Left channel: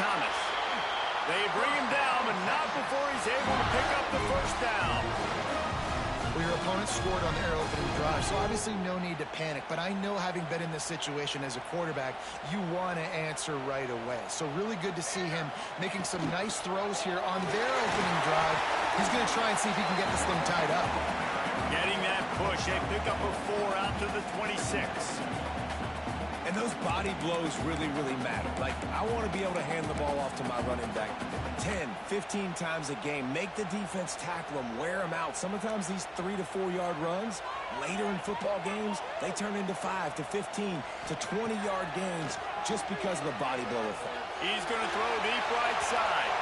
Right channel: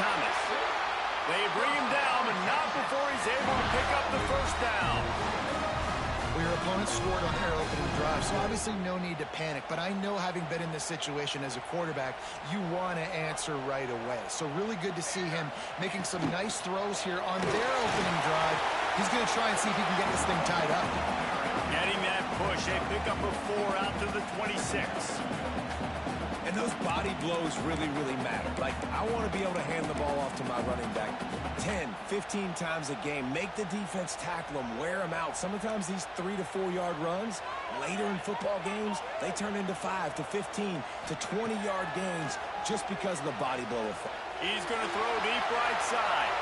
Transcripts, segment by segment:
Thomas. They bring him down, but not before he's able to pick up the first down. Well, your opponent scored on their opening drive, so obviously no need to panic. But I know, having been in this situation as a quarterback, you want to answer right away. So really good to see him making some nice throws here on their opening drive. He's going to try and see if he can get this thing tied up. Getting that push, they pick up a 4 out to the 26. And those body blows really, really matter. Like, I want to be able to hand the ball off to my running back 10, 15 times a game. Make the defense tackle them, wear them out. Sometimes these 3 to 4 yard runs, later in football games, they turn into 5 to 15 to 20 yard gains just because of the body blow effect. He's going to throw deep right side.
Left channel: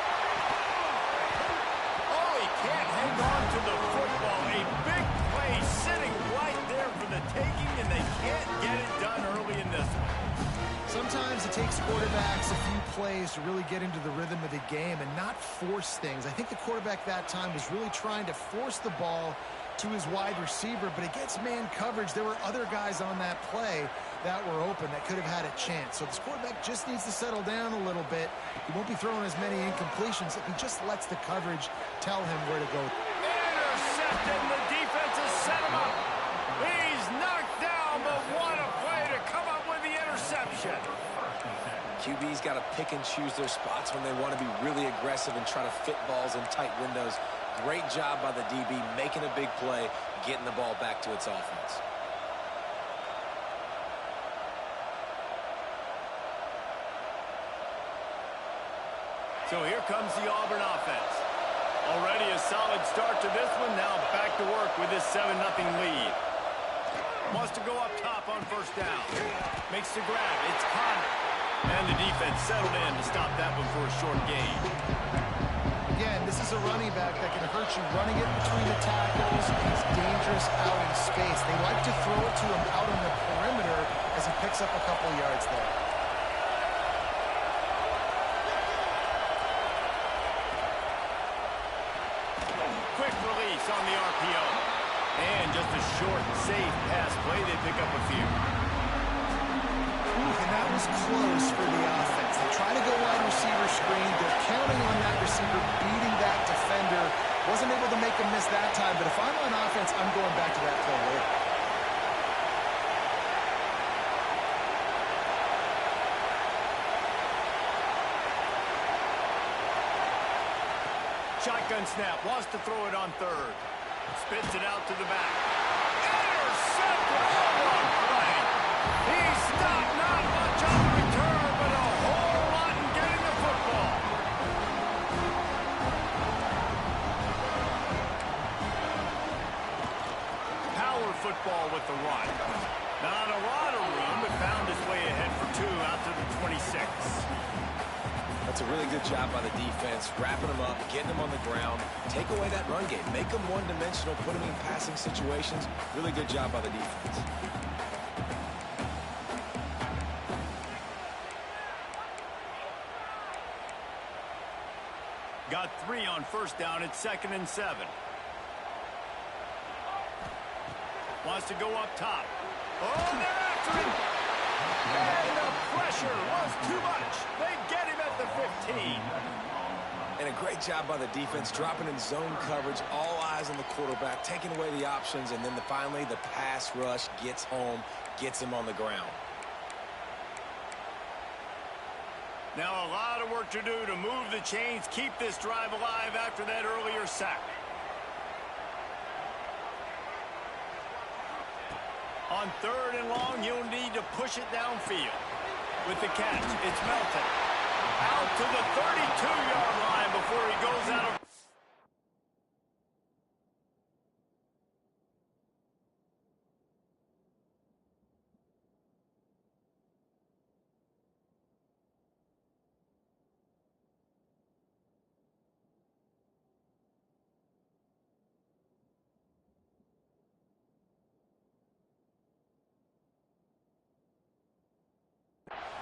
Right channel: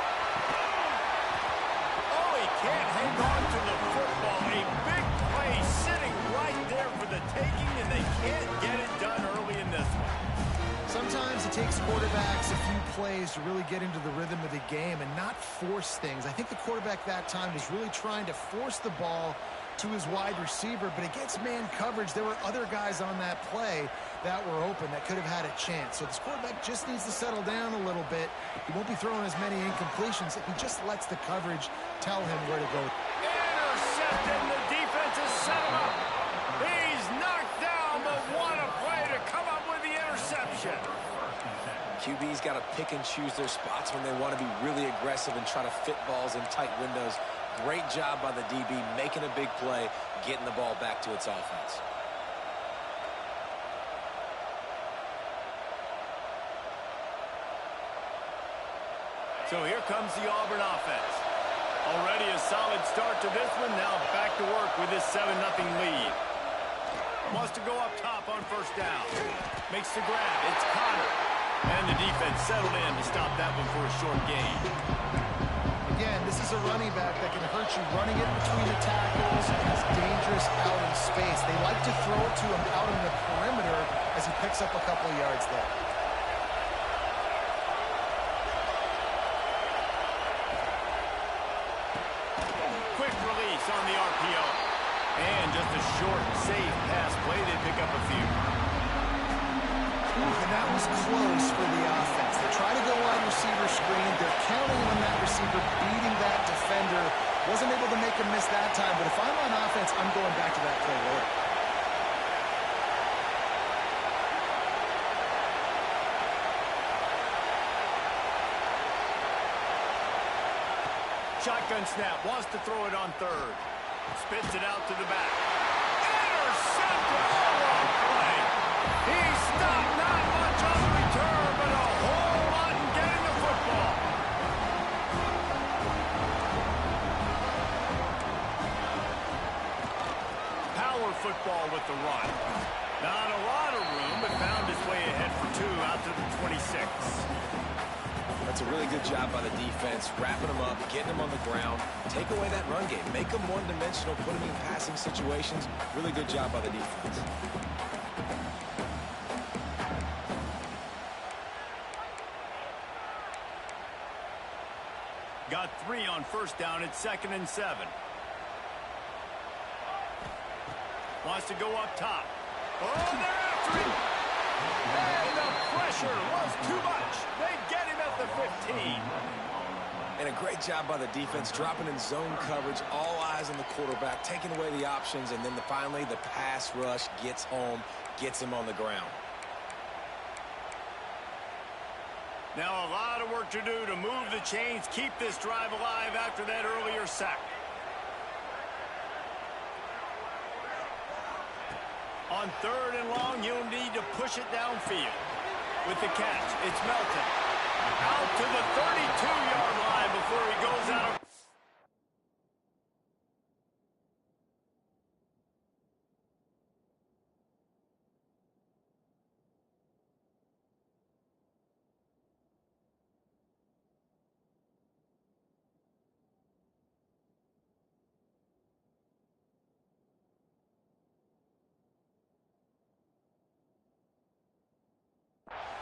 Oh, he can't hang on to the football. A big play sitting right there for the taking, and they can't get it done early in this one. Sometimes it takes quarterbacks a few plays to really get into the rhythm of the game and not force things. I think the quarterback that time was really trying to force the ball to his wide receiver, but against man coverage, there were other guys on that play that were open that could have had a chance. So this quarterback just needs to settle down a little bit. He won't be throwing as many incompletions if he just lets the coverage tell him where to go. Intercepted, the defense has set him up. He's knocked down, but what a play to come up with the interception. QB's got to pick and choose their spots when they want to be really aggressive and try to fit balls in tight windows. Great job by the DB making a big play, getting the ball back to its offense. So here comes the Auburn offense. Already a solid start to this one. Now back to work with this 7-0 lead. Wants to go up top on first down. Makes the grab. It's Connor. And the defense settled in to stop that one for a short gain. Again, this is a running back that can hurt you running it between the tackles. He's dangerous out in space. They like to throw it to him out on the perimeter as he picks up a couple of yards there. Quick release on the RPO. And just a short, safe pass play. They pick up a few. And that was close for the offense. They try to go wide receiver screen. They're counting on that receiver beating that defender. Wasn't able to make a miss that time, but if I'm on offense, I'm going back to that play later. Shotgun snap. Wants to throw it on third. Spits it out to the back. Intercepted. Oh, what a play. He stopped, not much on the return, but a whole lot in getting the football. Power football with the run. Not a lot of room, but found his way ahead for 2 out to the 26. That's a really good job by the defense, wrapping them up, getting them on the ground. Take away that run game. Make them one-dimensional, put them in passing situations. Really good job by the defense. Got 3 on first down. It's 2nd and 7. Wants to go up top. Oh, they're after him. And the pressure was too much. They get him at the 15. And a great job by the defense, dropping in zone coverage, all eyes on the quarterback, taking away the options, and then finally the pass rush gets home, gets him on the ground. Now a lot of work to do to move the chains, keep this drive alive after that earlier sack. On 3rd and long, you'll need to push it downfield. With the catch, it's Melton. Out to the 32-yard line before he goes out of...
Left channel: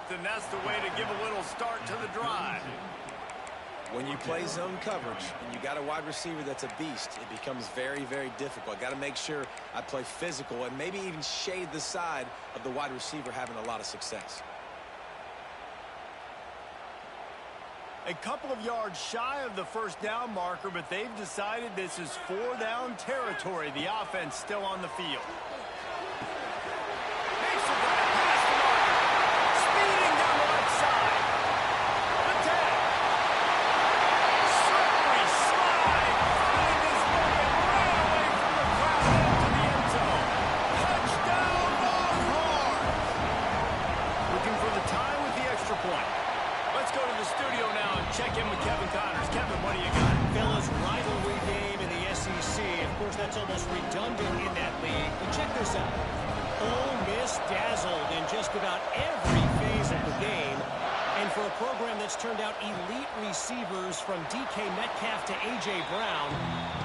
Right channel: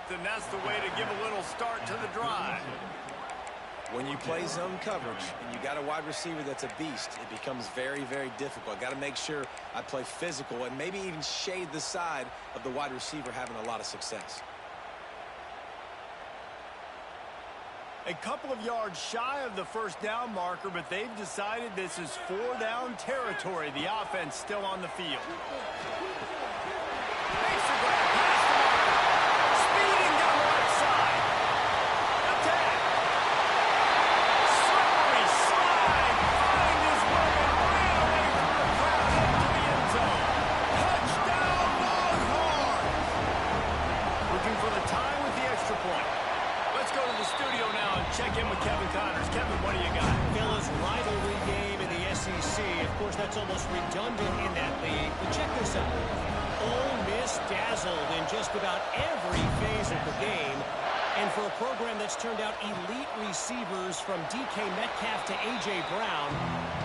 And that's the way to give a little start to the drive. When you play zone coverage and you got a wide receiver that's a beast, it becomes very, very difficult. I got to make sure I play physical and maybe even shade the side of the wide receiver having a lot of success. A couple of yards shy of the first down marker, but they've decided this is 4-down territory. The offense still on the field. Makes a grab past the marker. Speeding down the left side. Attack. Slippery slide. Find his way and ran away from the crowd into the end zone. Touchdown, Longhorns. Looking for the tie with the extra point. Let's go to the studio now and check in with Kevin Connors. Kevin, what do you got? Fellas, rivalry game in the SEC. Of course, that's almost redundant in that league. But check this out. Ole Miss dazzled in just about every phase of the game. And for a program that's turned out elite receivers from DK Metcalf to A.J. Brown,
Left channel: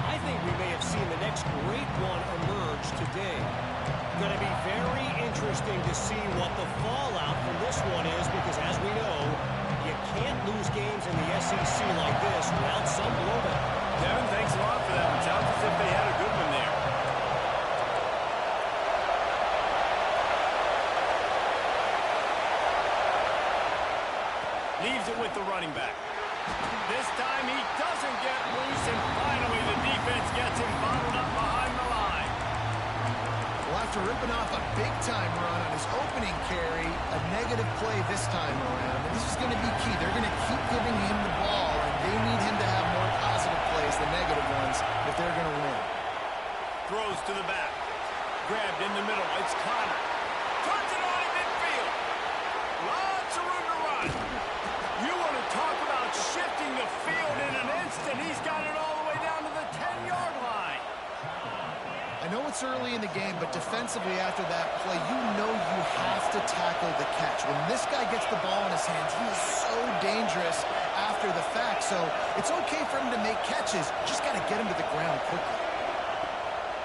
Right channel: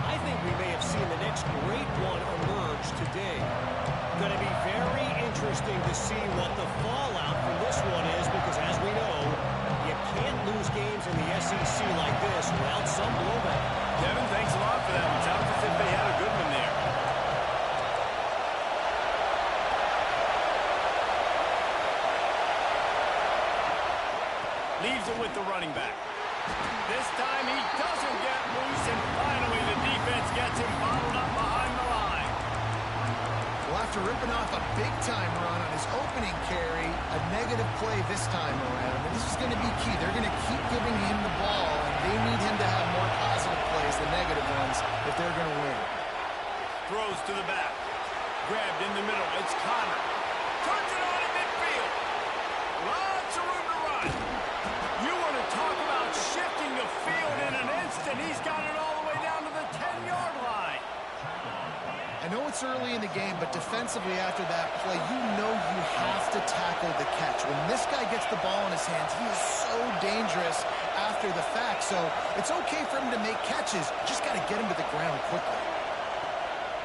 I think we may have seen the next great one emerge today. Going to be very interesting to see what the fallout from this one is, because as we know, you can't lose games in the SEC like this without some blowback. Kevin, thanks a lot for that one. Sounds as if they had a good one there. Leaves it with the running back. This time he doesn't get loose, and finally the defense gets him bottled up behind the line. Well, after ripping off a big-time run on his opening carry, a negative play this time around. And this is going to be key. They're going to keep giving him the ball, and they need him to have more positive plays than negative ones if they're going to win. Throws to the back. Grabbed in the middle. It's Connor. Turns it on in midfield. Lots of room to run. You want to talk about shifting the field in an instant. He's got it all the way down to the 10-yard line. I know it's early in the game, but defensively after that play, you know you have to tackle the catch. When this guy gets the ball in his hands, he is so dangerous after the fact. So it's okay for him to make catches. Just got to get him to the ground quickly.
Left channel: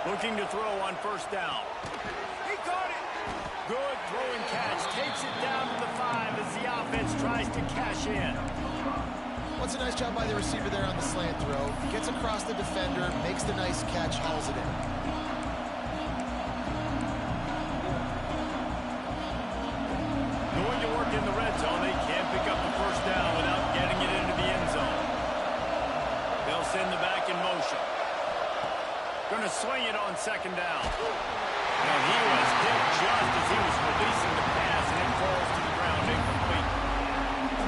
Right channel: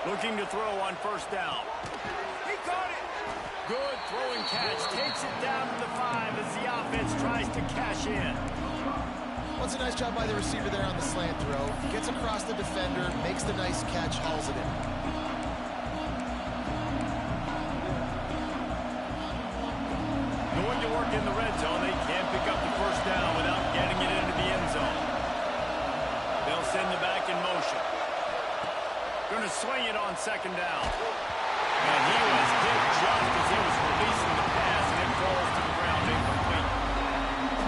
Looking to throw on first down. He caught it. Good throwing catch. Takes it down to the 5 as the offense tries to cash in. Well, it's a nice job by the receiver there on the slant throw. Gets across the defender, makes the nice catch, hauls it in. Going to work in the red zone. They can't pick up the first down without getting it into the end zone. They'll send the back in motion. Going to swing it on second down. And he was hit just as he was releasing the pass, and it falls to the ground incomplete.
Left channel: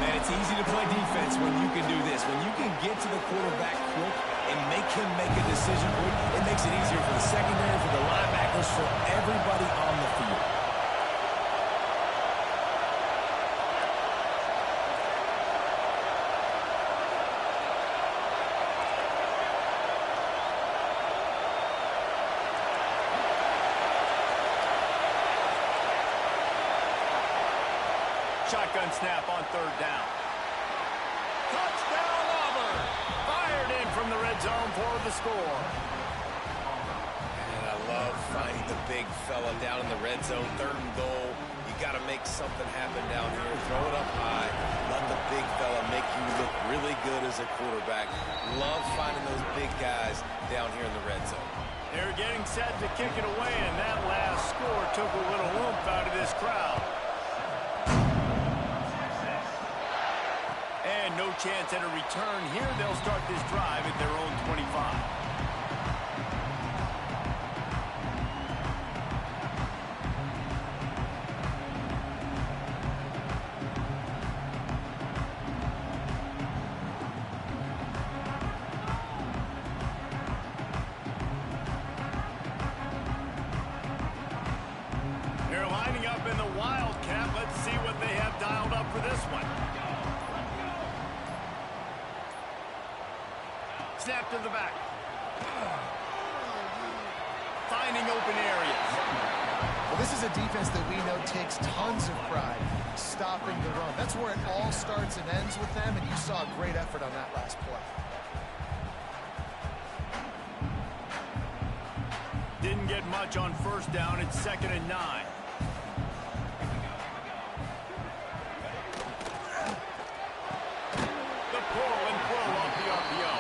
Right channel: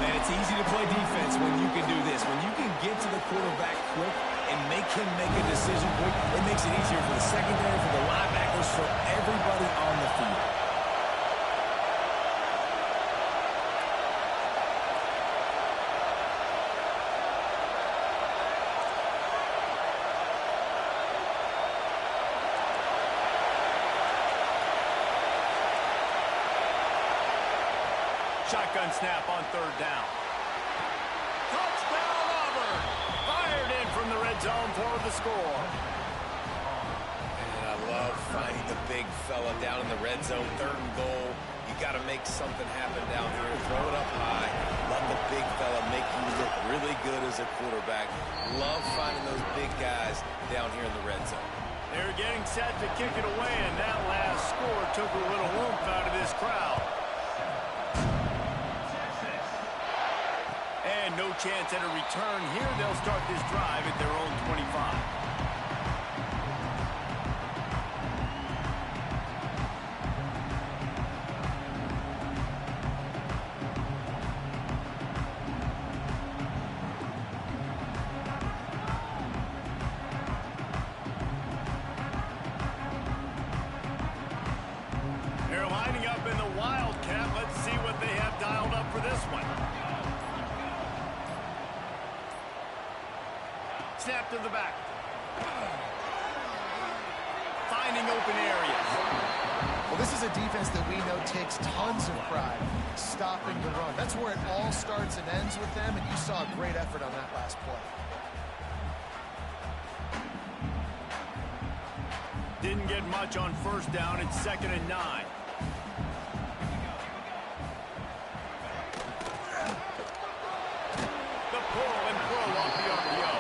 Man, it's easy to play defense when you can do this. When you can get to the quarterback quick and make him make a decision quick, it makes it easier for the secondary, for the linebackers, for everybody on the field. Shotgun snap on third down. Touchdown, Auburn! Fired in from the red zone for the score. And I love finding the big fella down in the red zone. Third and goal. You got to make something happen down here. Throw it up high. Let the big fella make you look really good as a quarterback. Love finding those big guys down here in the red zone. They're getting set to kick it away, and that last score took a little oomph out of this crowd. And no chance at a return here. They'll start this drive at their own 25. They're lining up in the Wildcat. Let's see what they have dialed up for this one. Snap to the back. Finding open areas. Well, this is a defense that we know takes tons of pride stopping the run. That's where it all starts and ends with them, and you saw a great effort on that last play. Didn't get much on first down. It's 2nd and 9. The pull and pull off the RPO.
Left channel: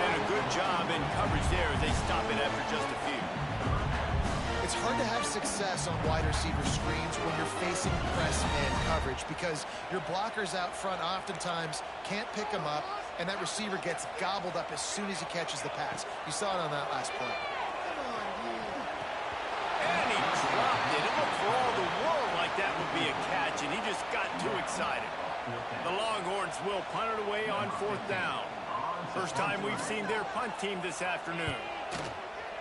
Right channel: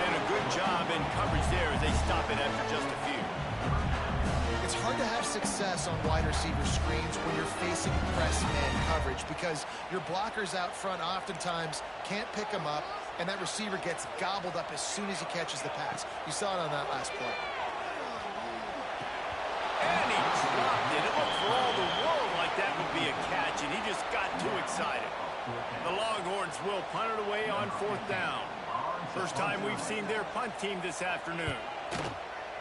And a good job in coverage there as they stop it after just a few. it's hard to have success on wide receiver screens when you're facing press man coverage because your blockers out front oftentimes can't pick them up, and that receiver gets gobbled up as soon as he catches the pass. You saw it on that last play. And he dropped it. It looked for all the world like that would be a catch, and he just got too excited. The Longhorns will punt it away on 4th down. First time we've seen their punt team this afternoon.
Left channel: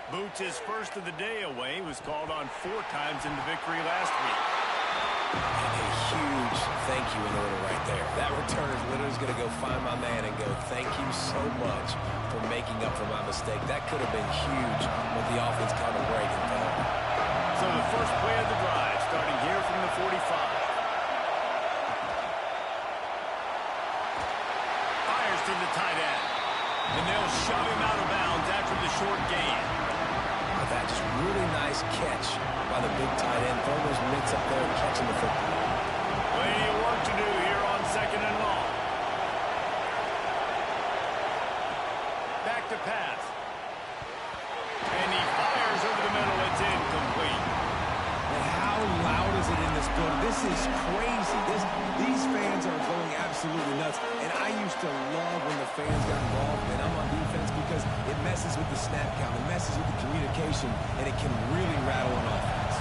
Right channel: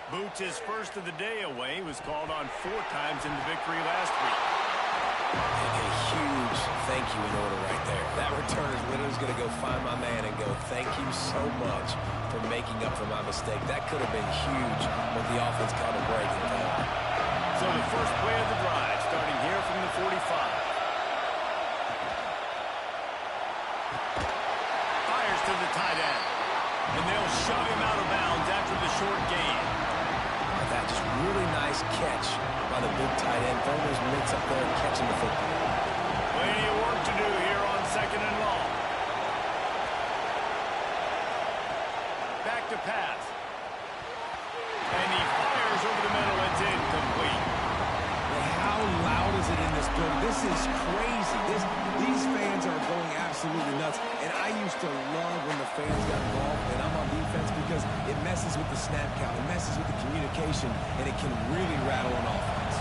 Boots' first of the day away was called on 4 times in the victory last week. And a huge thank you in order right there. That returner is literally going to go find my man and go, thank you so much for making up for my mistake. That could have been huge when the offense caught a break and fell. So the first play of the drive starting here from the 45. Fires to the tight end. And they'll shove him out of bounds after the short gain. That just really nice catch by the big tight end. Throwing those mitts up there and catching the football. Plenty of work to do here on 2nd and long. Back to pass. And he fires over the middle. It's incomplete. And how loud is it in this building? This is crazy. These fans are going absolutely nuts. And I used to love when the fans got involved, and I'm on defense because it messes with the snap count. It messes with the communication, and it can really rattle an offense.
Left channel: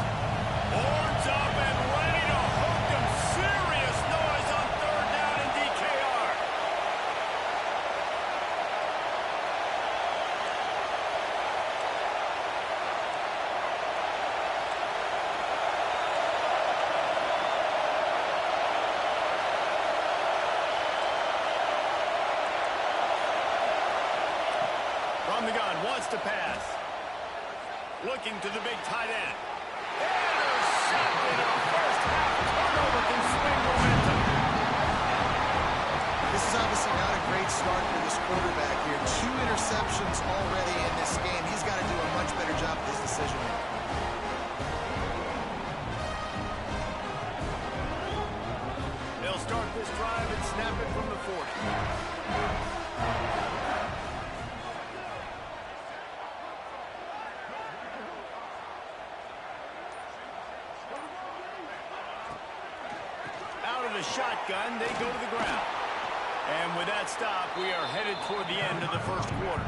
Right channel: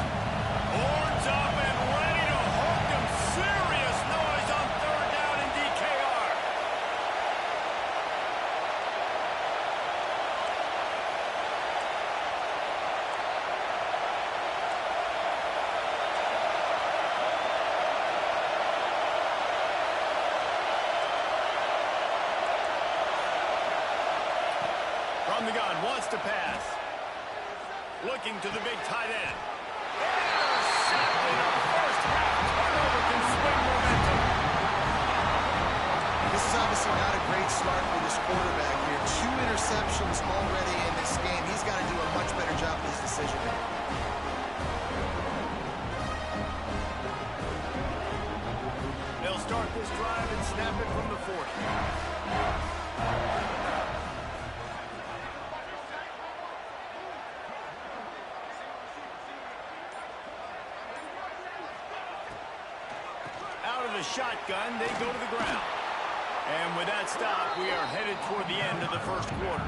Horns up and ready to hook them. Serious noise on 3rd down in DKR. From the gun, wants to pass. Looking to the big tight end. Intercepted. A first half turnover can swing momentum. This is obviously not a great start for this quarterback here. 2 interceptions already in this game. He's got to do a much better job with his decision making. They'll start this drive and snap it from the 40. Out of the shotgun, they go to the ground. And with that stop, we are headed toward the end of the first quarter.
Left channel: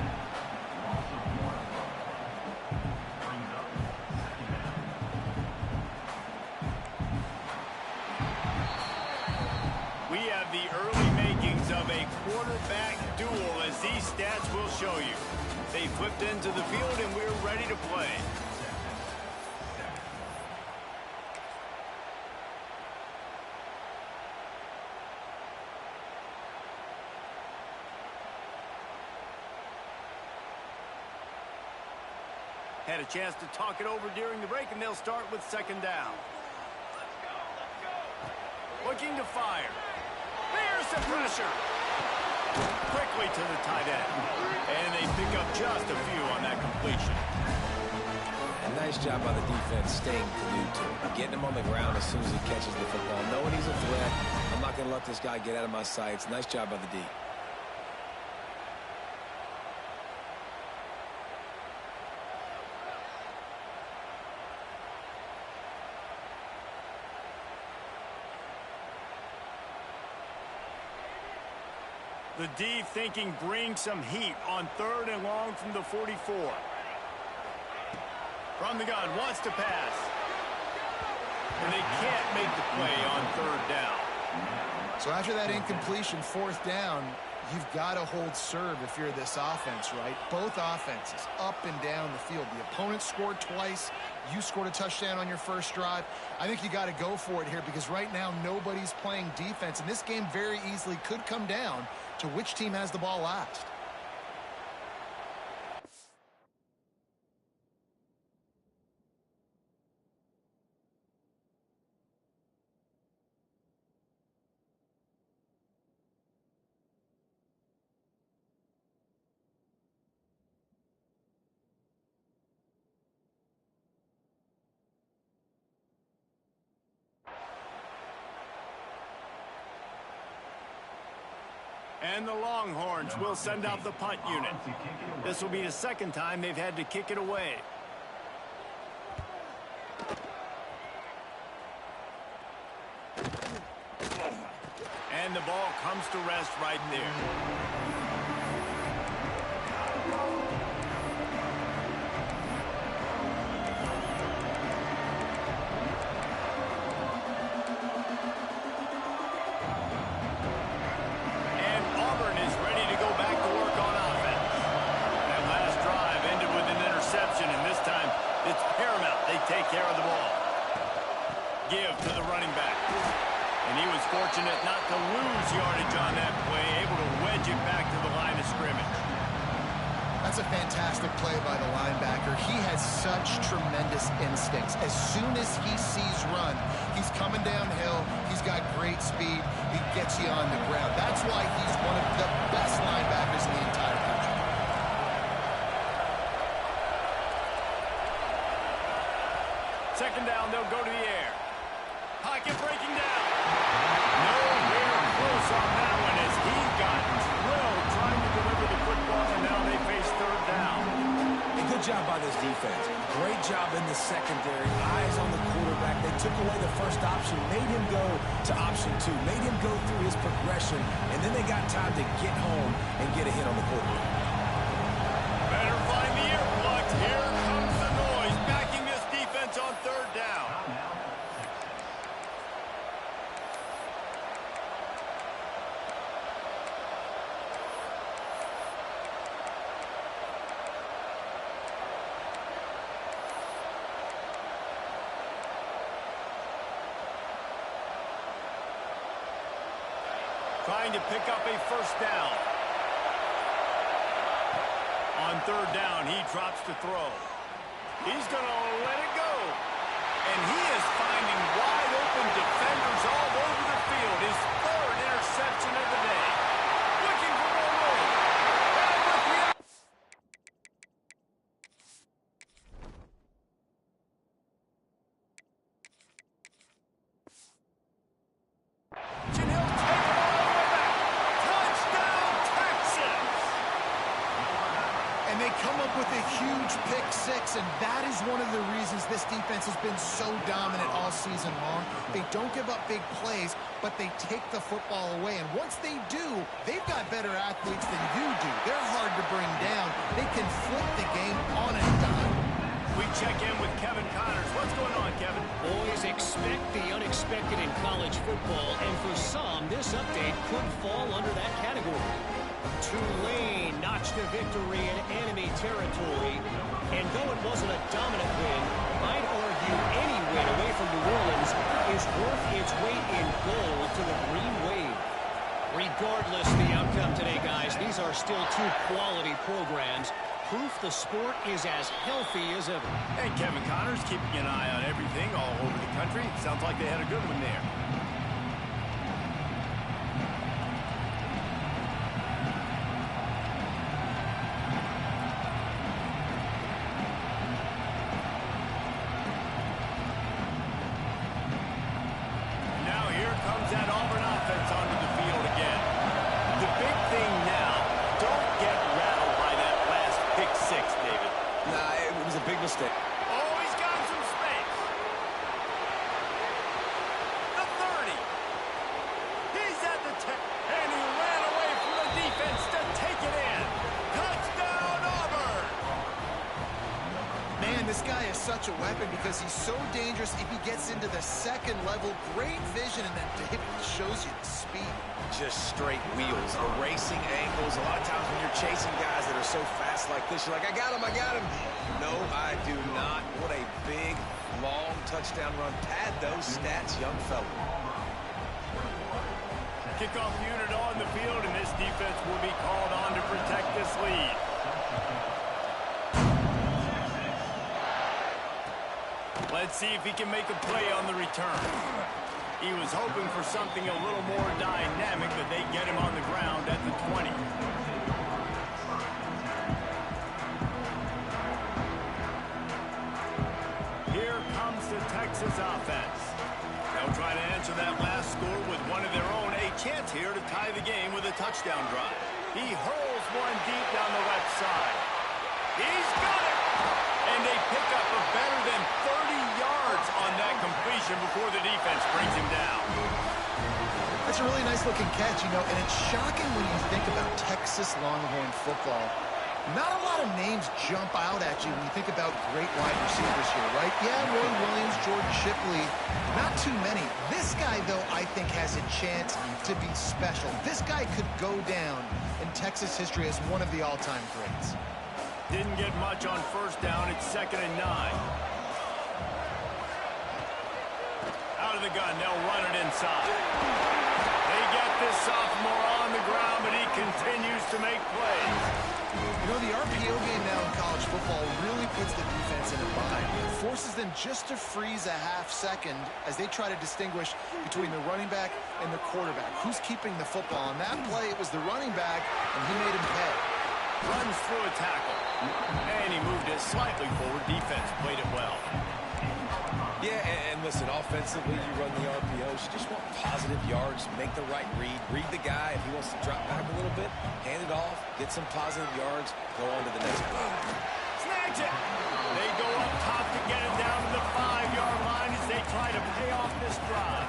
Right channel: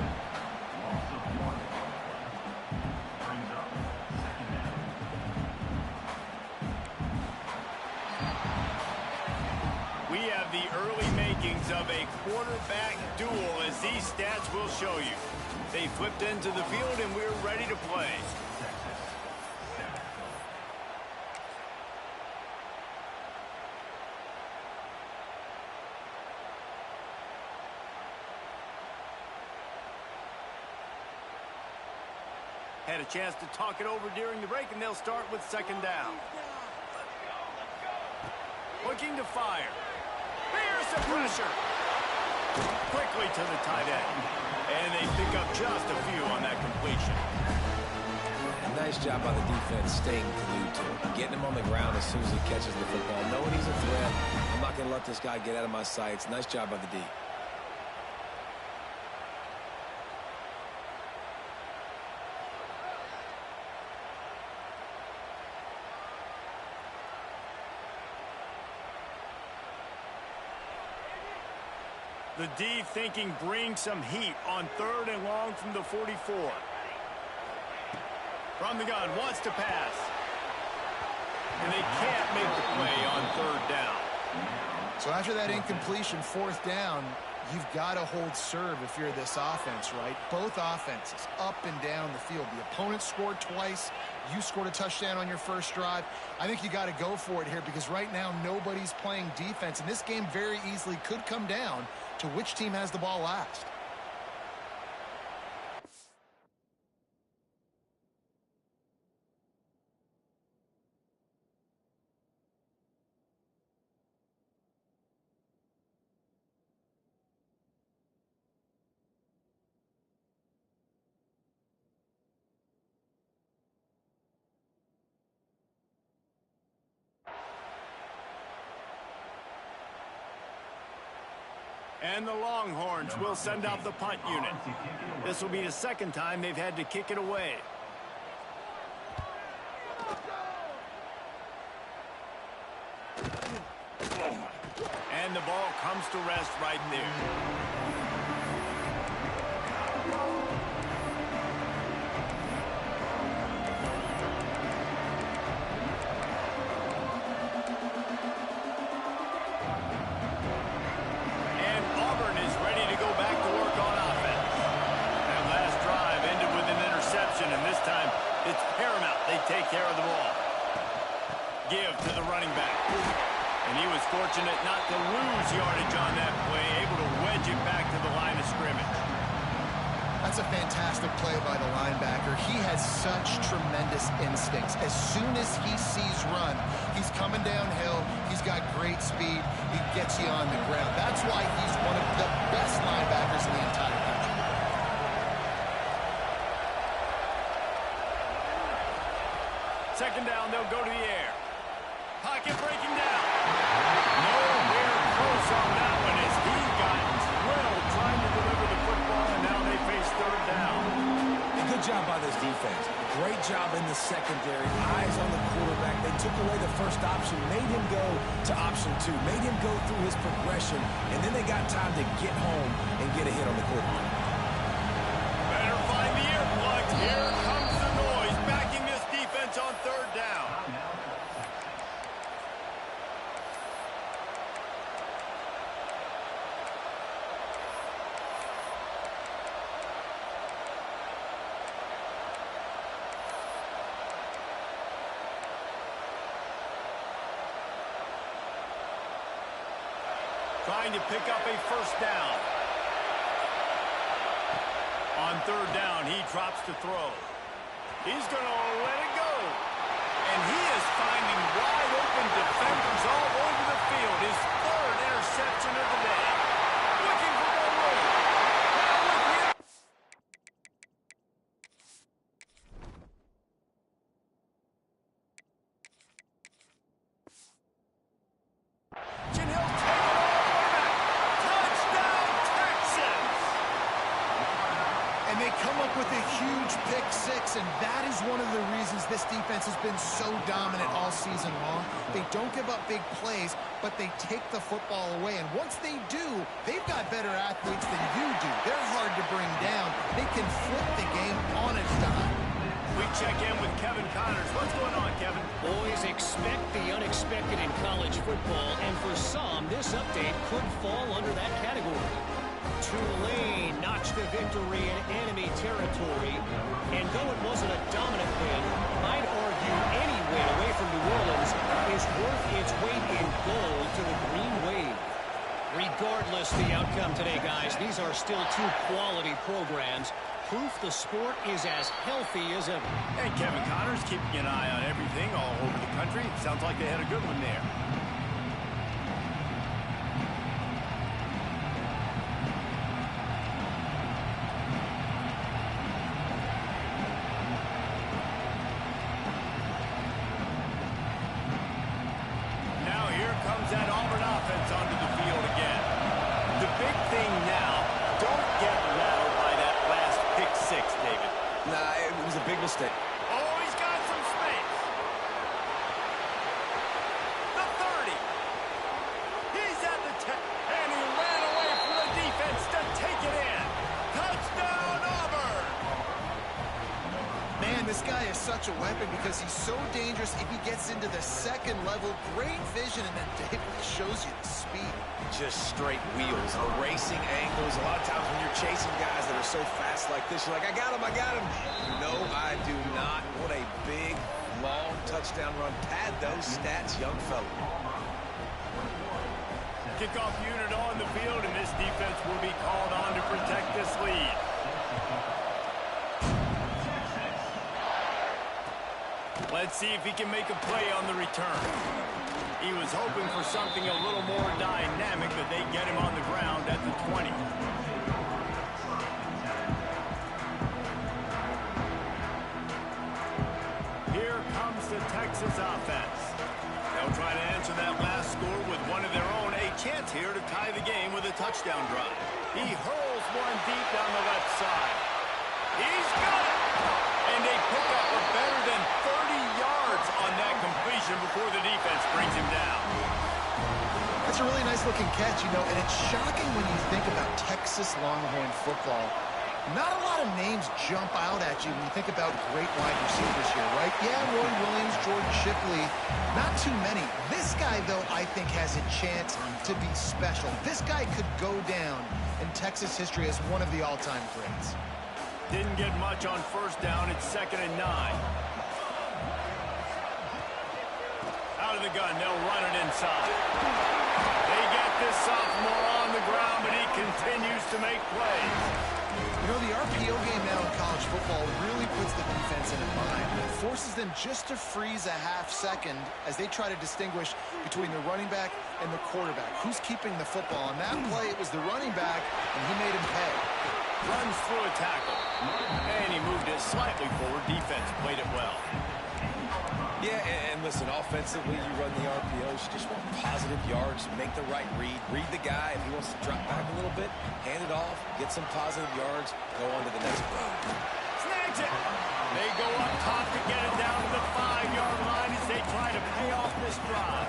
We have the early makings of a quarterback duel, as these stats will show you. They flipped into the field, and we're ready to play. Had a chance to talk it over during the break, and they'll start with 2nd down. Looking to fire. There's the pressure. Quickly to the tight end. And they pick up just a few on that completion. A nice job by the defense staying glued to him. Getting him on the ground as soon as he catches the football. Knowing he's a threat, I'm not going to let this guy get out of my sights. Nice job by the D. The D thinking bring some heat on 3rd and long from the 44. From the gun, wants to pass. And they can't make the play on 3rd down. So after that incompletion, 4th down, you've got to hold serve if you're this offense, right? Both offenses up and down the field. The opponent scored twice. You scored a touchdown on your first drive. I think you got to go for it here because right now nobody's playing defense. And this game very easily could come down to which team has the ball last. And the Longhorns will send out the punt unit. This will be the 2nd time they've had to kick it away. And the ball comes to rest right there. And Auburn is ready to go back to work on offense. That last drive ended with an interception, and this time it's paramount they take care of the ball. Give to the running back. And he was fortunate not to lose yardage on that play, able to wedge it back to the line of scrimmage. That's a fantastic play by the linebacker. He has such tremendous instincts. As soon as he sees run, he's coming downhill. He's got great speed. He gets you on the ground. That's why he's one of the best linebackers in the entire country. Second down, they'll go to the air. Pocket breaking down. Nowhere close on that one as he got drilled trying to deliver the football, and now they face third down. A good job by this defense. Great job in the secondary. Eyes on the quarterback. They took away the first option, made him go to option 2, made him go through his progression, and then they got time to get home and get a hit on the quarterback. Better find the earplugs. Here comes the noise, backing this defense on third down. Trying to pick up a first down. On third down, he drops to throw. He's going to let it go. And he is finding wide open defenders all over the field. His third interception of the day. Looking for more room. And with the he'll take it all the way back. Touchdown, Texas! And they come up with a huge pick six, and that is one of the reasons this defense has been so dominant all season long. They don't give up big plays, but they take the football away. And once they do, they've got better athletes than you do. They're hard to bring down. They can flip the game on a dime. We check in with Kevin Connors. What's going on, Kevin? Boys, expect the unexpected in college football, and for some, this update could fall under that category. Tulane notched a victory in enemy territory, and though it wasn't a dominant win, I'd argue any win away from New Orleans is worth its weight in gold to the Green Wave. Regardless the outcome today, guys, these are still two quality programs. Proof the sport is as healthy as ever. And Kevin Connors keeping an eye on everything all over the country. Sounds like they had a good one there. Now here comes that Auburn offense onto the field again. The big thing now, don't get rattled by that last pick six, David. Nah, it was a big mistake. Oh, he's got some space. The 30. He's at the 10. And he ran away from the defense to take it in. Touchdown, Auburn. Man, this guy is such a weapon because he's so dangerous if he gets into the second level. Great vision, and then David shows you the speed. Just straight wheels, erasing angles. A lot of times when you're chasing guys that are so fast like this, you're like, I got him, I got him. No, I do not. What a big, long touchdown run. Pad those stats, young fella. Kickoff unit on the field, and this defense will be called on to protect this lead. Let's see if he can make a play on the return. He was hoping for something a little more dynamic, but they get him on the ground at the 20. Here comes the Texas offense. They'll try to answer that last score with one of their own. A chance here to tie the game with a touchdown drive. He hurls one deep down the left side. He's got it! And they pick up a better than 30 yards on that completion before the defense brings him down. That's a really nice looking catch, you know, and it's shocking when you think about Texas Longhorn football. Not a lot of names jump out at you when you think about great wide receivers here, right? Yeah, Roy Williams, Jordan Shipley, not too many. This guy, though, I think has a chance to be special. This guy could go down in Texas history as one of the all-time greats. Didn't get much on first down. It's 2nd and 9. Out of the gun, they'll run it inside. They get this sophomore on the ground, but he continues to make plays. You know, the RPO game now in college football really puts the defense in a bind. It forces them just to freeze a half second as they try to distinguish between the running back and the quarterback. Who's keeping the football? On that play, it was the running back, and he made him pay. Runs through a tackle. And he moved it slightly forward. Defense played it well. Yeah, and listen, offensively, you run the RPOs. You just want positive yards, make the right read. Read the guy. If he wants to drop back a little bit, hand it off, get some positive yards, go on to the next play. Snags it. They go up top to get it down to the 5-yard line as they try to pay off this drive.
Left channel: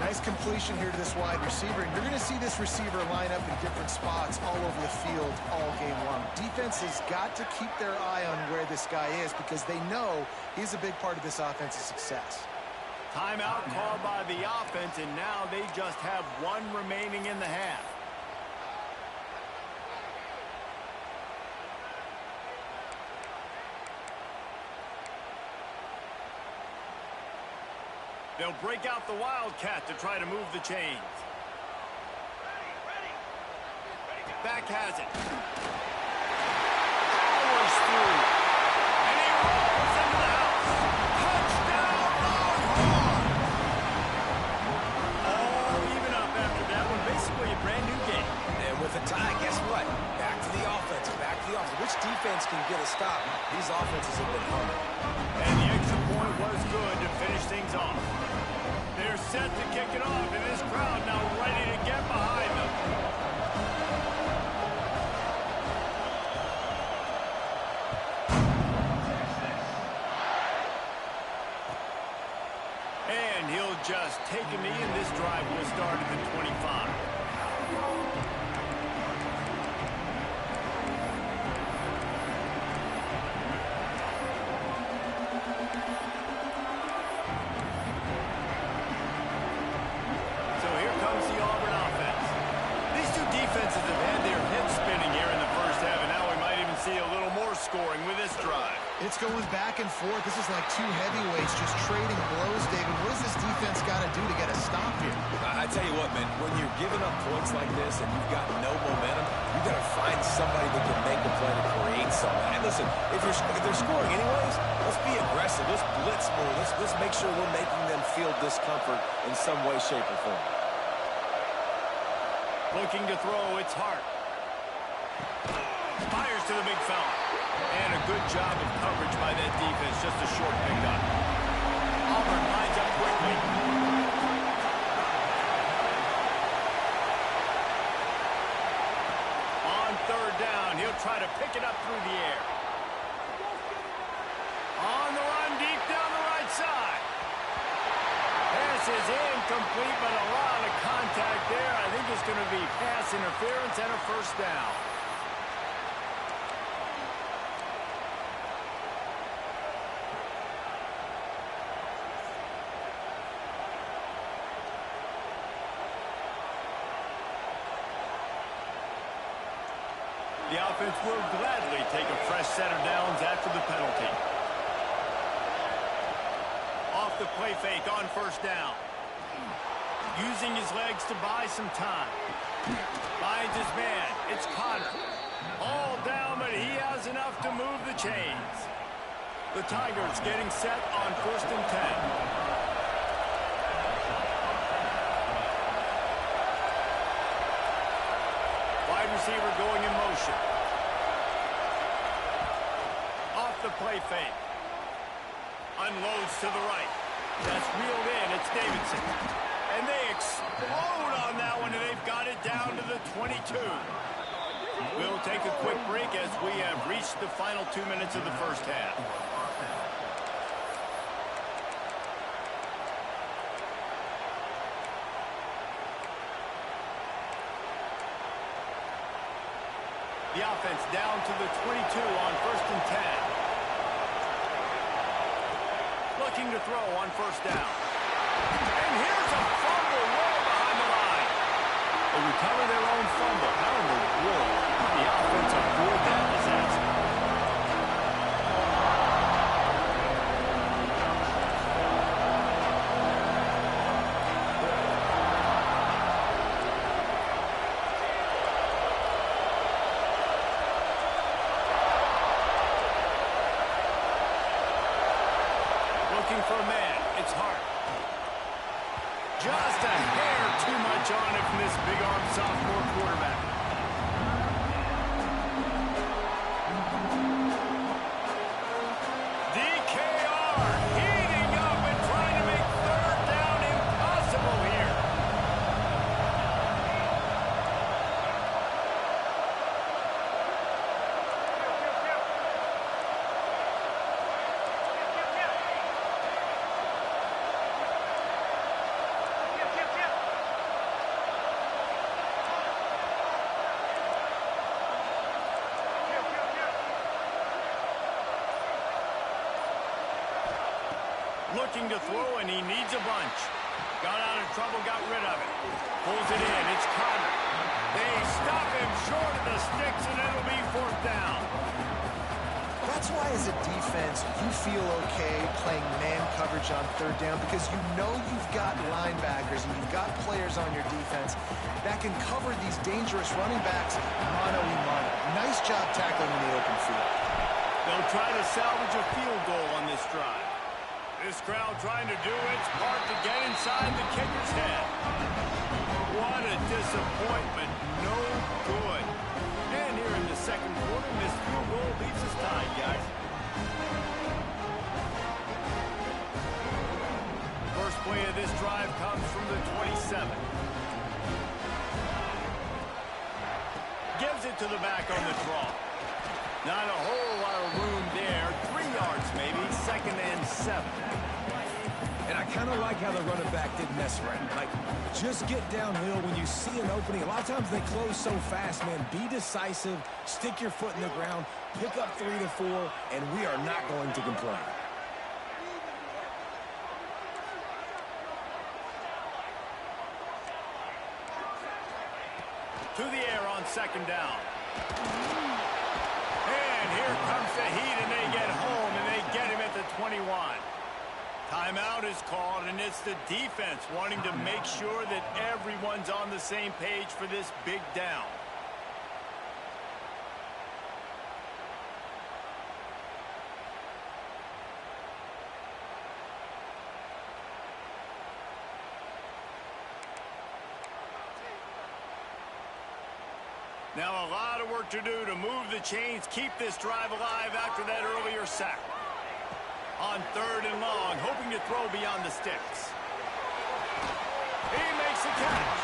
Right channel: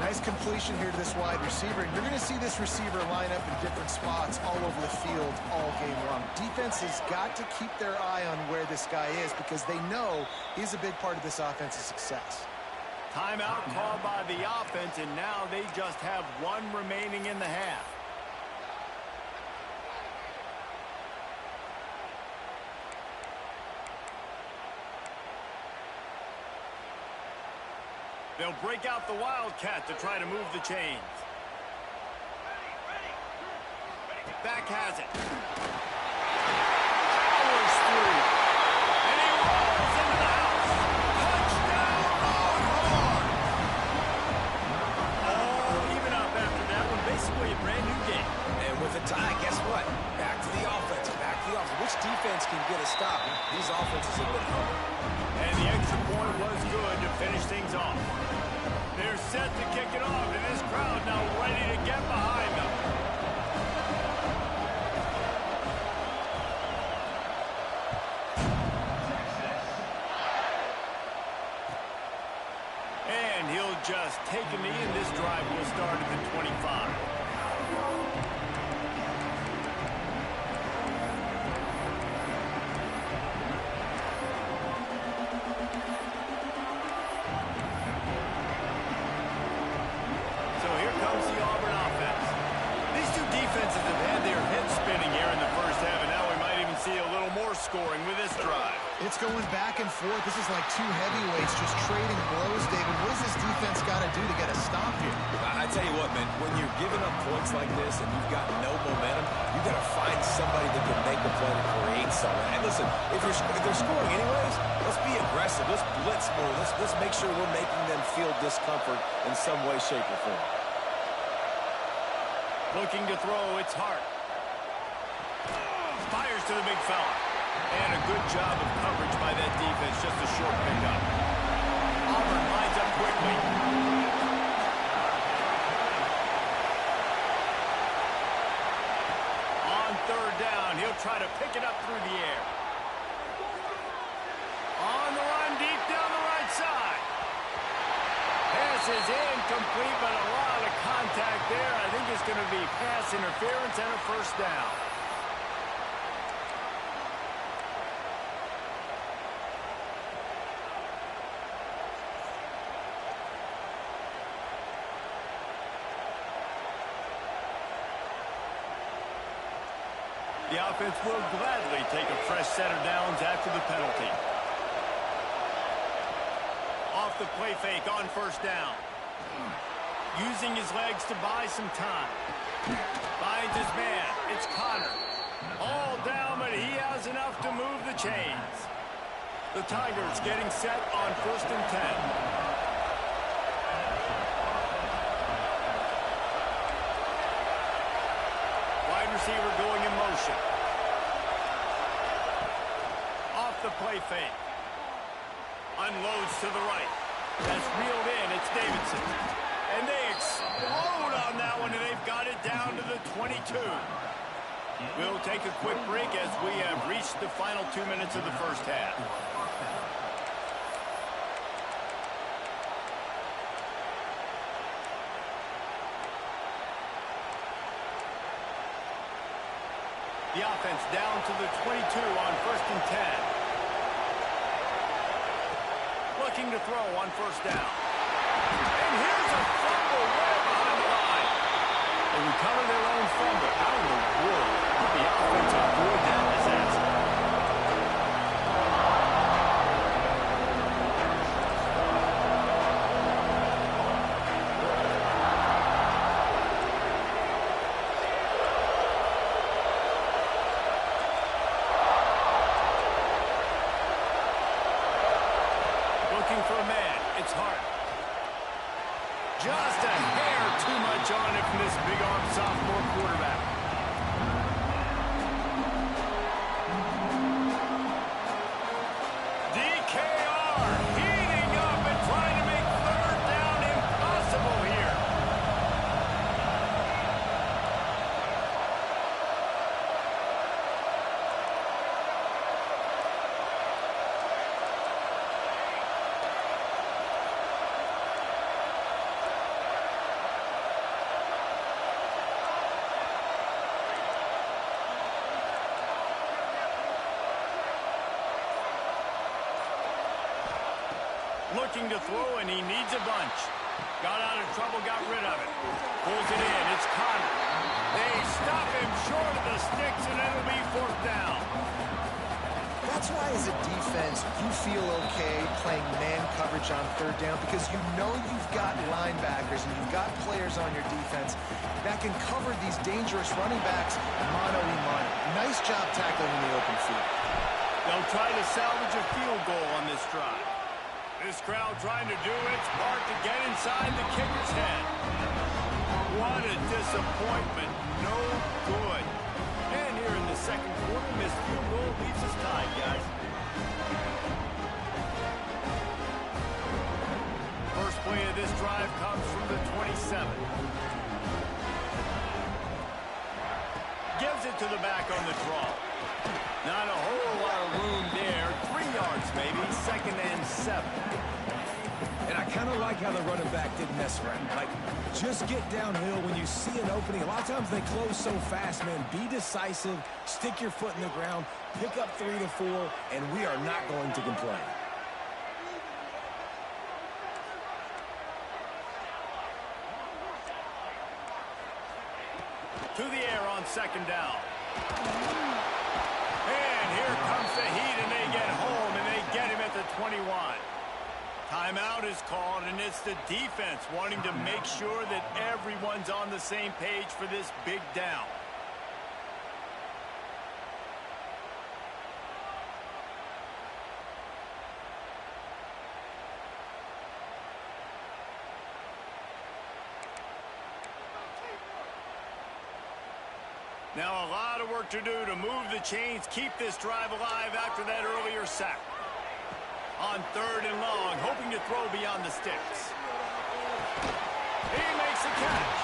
Nice completion here to this wide receiver, and you're going to see this receiver line up in different spots all over the field all game long. Defense has got to keep their eye on where this guy is because they know he's a big part of this offense's success. Timeout called by the offense, and now they just have one remaining in the half. They'll break out the Wildcat to try to move the chains. Back has it. Powers through. And he rolls into the house. Touchdown, Longhorn! All even up after that one. Basically a brand new game. And with a tie, guess what? Back to the offense. Back to the offense. Which defense can get a stop? These offenses have been humming. And the extra point was good to finish things off. They're set to kick it off, and this crowd now ready to get behind them. And he'll just take a knee, and this drive will start at the 25. The Auburn offense. These two defenses have had their heads spinning here in the first half, and now we might even see a little more scoring with this drive. It's going back and forth. This is like two heavyweights just trading blows, David. What does this defense got to do to get a stop here? I tell you what, man, when you're giving up points like this and you've got no momentum, you've got to find somebody that can make a play to create something. And listen, if they're scoring anyways, let's be aggressive. Let's blitz more. Let's make sure we're making them feel discomfort in some way, shape, or form. Looking to throw, it's Hart. Fires to the big fella. And a good job of coverage by that defense, just a short pickup. Auburn lines up quickly. On 3rd down, he'll try to pick it up through the air. On the run, deep down the right side. Pass is incomplete, but a lot of contact there. I think it's going to be pass interference and a first down. The offense will gladly take a fresh set of downs after the penalty. Off the play fake on 1st down. Using his legs to buy some time. Finds his man. It's Connor. All down, but he has enough to move the chains. The Tigers getting set on 1st and 10. Wide receiver going in motion. Off the play fake. Unloads to the right. That's reeled in. It's Davidson. And they explode on that one, and they've got it down to the 22. We'll take a quick break as we have reached the final 2 minutes of the first half. The offense down to the 22 on 1st and 10. Looking to throw on 1st down. And here's a fumble way behind the line. They recover their own fumble. How in the world did the offense avoid that disaster? Looking for a man. It's Hart. Just a hair too much on it from this big-arm sophomore quarterback. DKR heating up and trying to make 3rd down impossible here. Looking to throw, and he needs a bunch. Got out of trouble, got rid of it. Pulls it in. It's Connor. They stop him short of the sticks, and it'll be 4th down. That's why, as a defense, you feel okay playing man coverage on 3rd down because you know you've got linebackers and you've got players on your defense that can cover these dangerous running backs mano-a-mano. Nice job tackling in the open field. They'll try to salvage a field goal on this drive. This crowd trying to do its part to get inside the kicker's head. What a disappointment. No good. And here in the 2nd quarter, missed field goal leaves us tied, guys. First play of this drive comes from the 27. Gives it to the back on the draw. Not a whole lot of room there. 3 yards maybe. 2nd and 7. And I kind of like how the running back didn't mess around. Like, just get downhill when you see an opening. A lot of times they close so fast, man. Be decisive. Stick your foot in the ground. Pick up 3 to 4, and we are not going to complain. To the air on 2nd down. And here comes the heat, and they get home, and they get him at the 21. Timeout is called, and it's the defense wanting to make sure that everyone's on the same page for this big down. Now a lot of work to do to move the chains, keep this drive alive after that earlier sack. On 3rd and long, hoping to throw beyond the sticks. He makes the catch.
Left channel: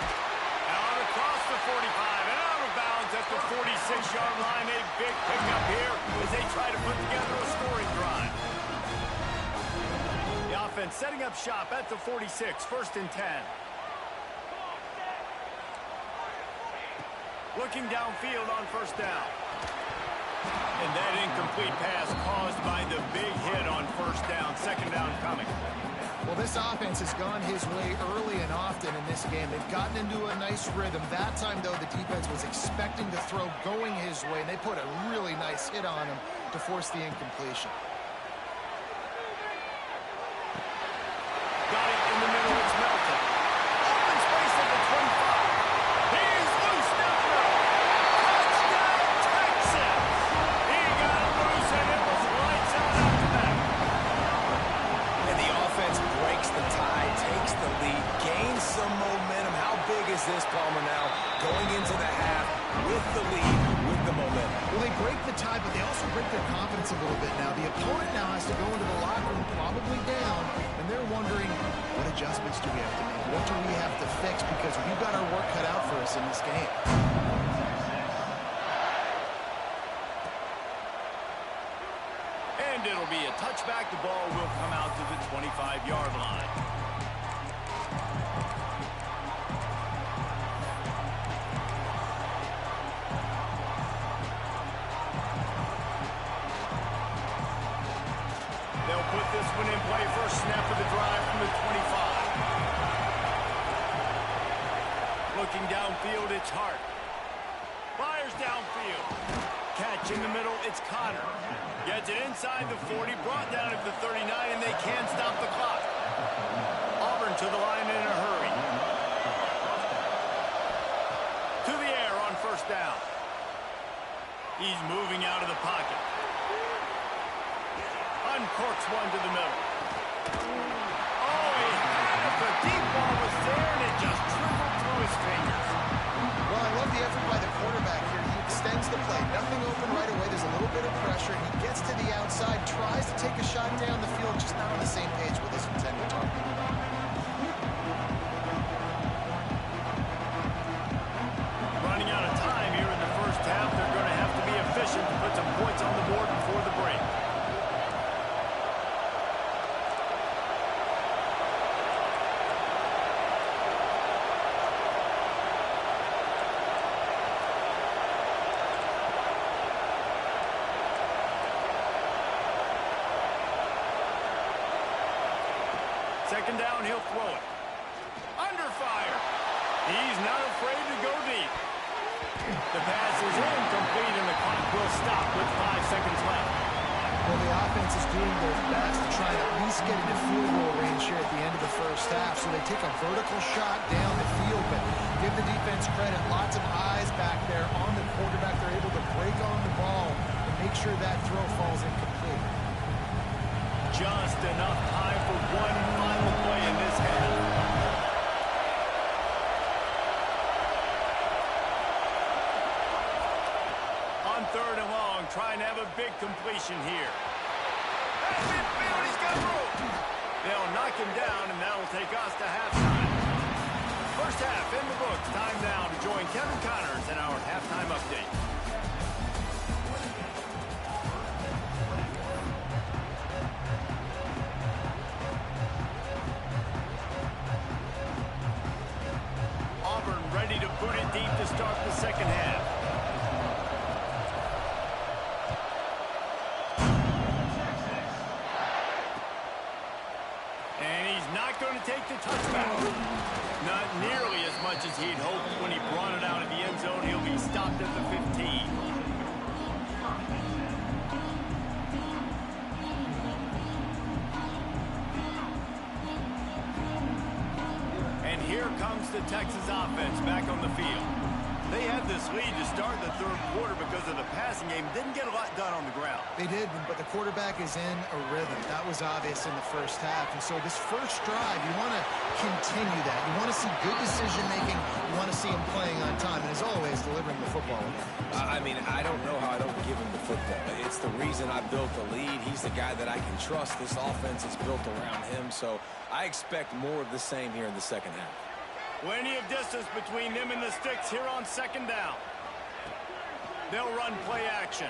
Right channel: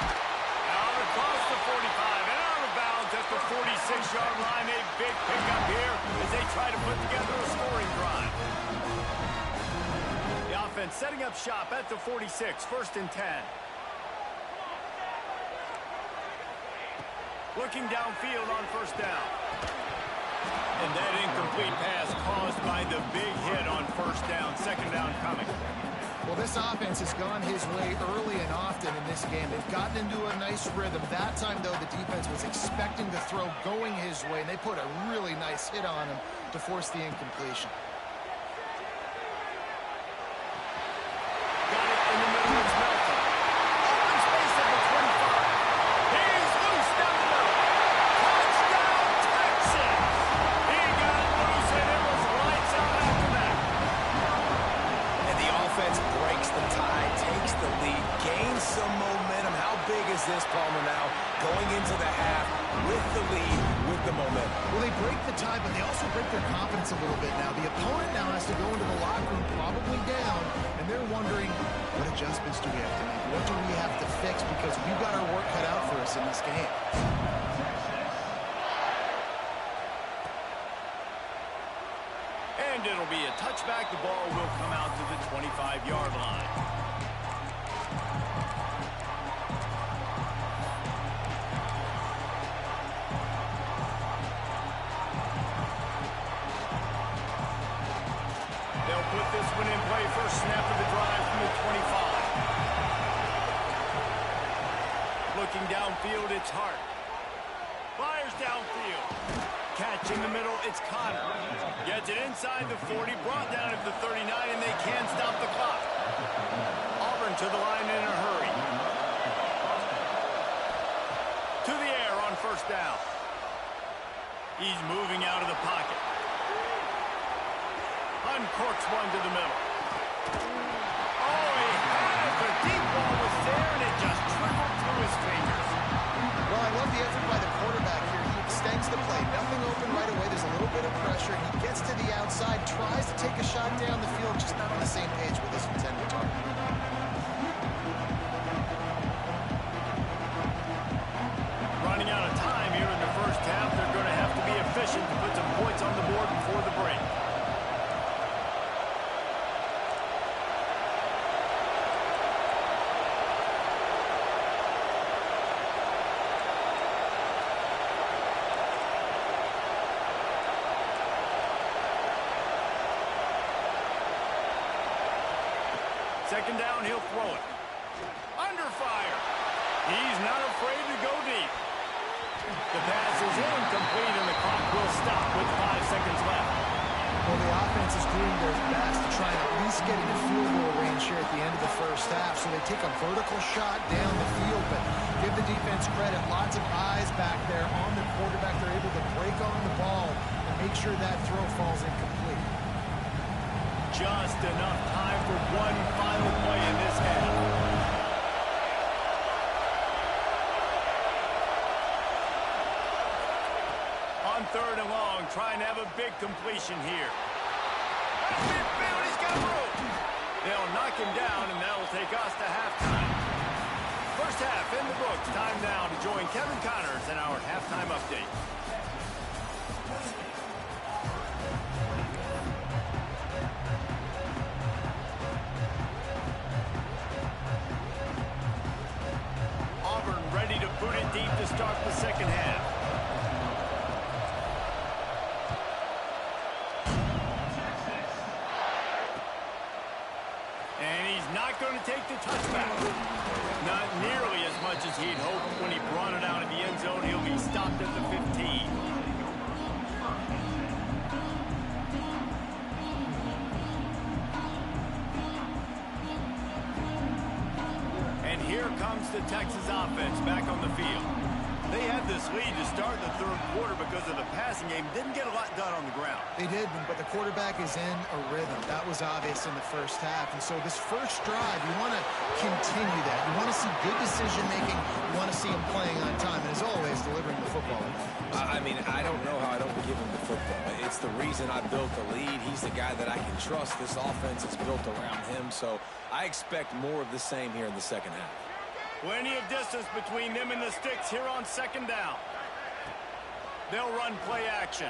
Out across the 45 and out of bounds at the 46-yard line. A big pickup here as they try to put together a scoring drive. The offense setting up shop at the 46, 1st and 10. Looking downfield on 1st down. And that incomplete pass caused by the big hit on 1st down. 2nd down coming. Well, this offense has gone his way early and often in this game. They've gotten into a nice rhythm. That time, though, the defense was expecting the throw going his way, and they put a really nice hit on him to force the incompletion. Got it in the middle. It's Melton. Open space at the 25. He's loose down the middle. Touchdown, Texas! He got it loose, and it was lights out after that. And the offense breaks the tie, takes the lead, gains some momentum. How big is this, Palmer, now? Going into the half with the lead, with the momentum. Well, they break the tie, but they also break their confidence a little bit now. The opponent now has to go into the locker room probably down, and they're wondering, what adjustments do we have to make? What do we have to fix? Because we've got our work cut out for us in this game. And it'll be a touchback. The ball will come out to the 25-yard line. this one in play. First snap of the drive from the 25. Looking downfield, it's Hart. Fires downfield. Catch in the middle, it's Connor. Gets it inside the 40, brought down at the 39, and they can't stop the clock. Auburn to the line in a hurry. To the air on first down. He's moving out of the pocket. Uncorks one to the middle. Oh, he had it. The deep ball was there, and it just trickled through his fingers. Well, I love the effort by the quarterback here. He extends the play. Nothing open right away. There's a little bit of pressure. He gets to the outside, tries to take a shot down the field, just not on the same page with his intended target. Running out of time here in the first half. They're going to have to be efficient to put some points on the board before the break. Second down, he'll throw it. Under fire. He's not afraid to go deep. The pass is incomplete, and the clock will stop with 5 seconds left. Well, the offense is doing their best to try and at least get into field goal range here at the end of the first half. So they take a vertical shot down the field, but give the defense credit. Lots of eyes back there on the quarterback. They're able to break on the ball and make sure that throw falls incomplete. Just enough time for one final play in this half. On third and long, trying to have a big completion here. At midfield, he's got room. They'll knock him down, and that'll take us to halftime. First half in the books. Time now to join Kevin Connors in our halftime update. Auburn ready to boot it deep to start the second half. And he's not going to take the touchback. Not nearly as much as he'd hoped when he brought it out of the end zone. He'll be stopped at the 15. And here comes the Texas offense back on the field. They had this lead to start the third quarter because of the passing game. Didn't get a lot done on the ground. They did, but the quarterback is in a rhythm. That was obvious in the first half. And so this first drive, you want to continue that. You want to see good decision-making. You want to see him playing on time. And as always, delivering the football. I mean, I don't know how I don't give him the football. It's the reason I built the lead. He's the guy that I can trust. This offense is built around him. So I expect more of the same here in the second half. Plenty of distance between them and the sticks here on second down. They'll run play action.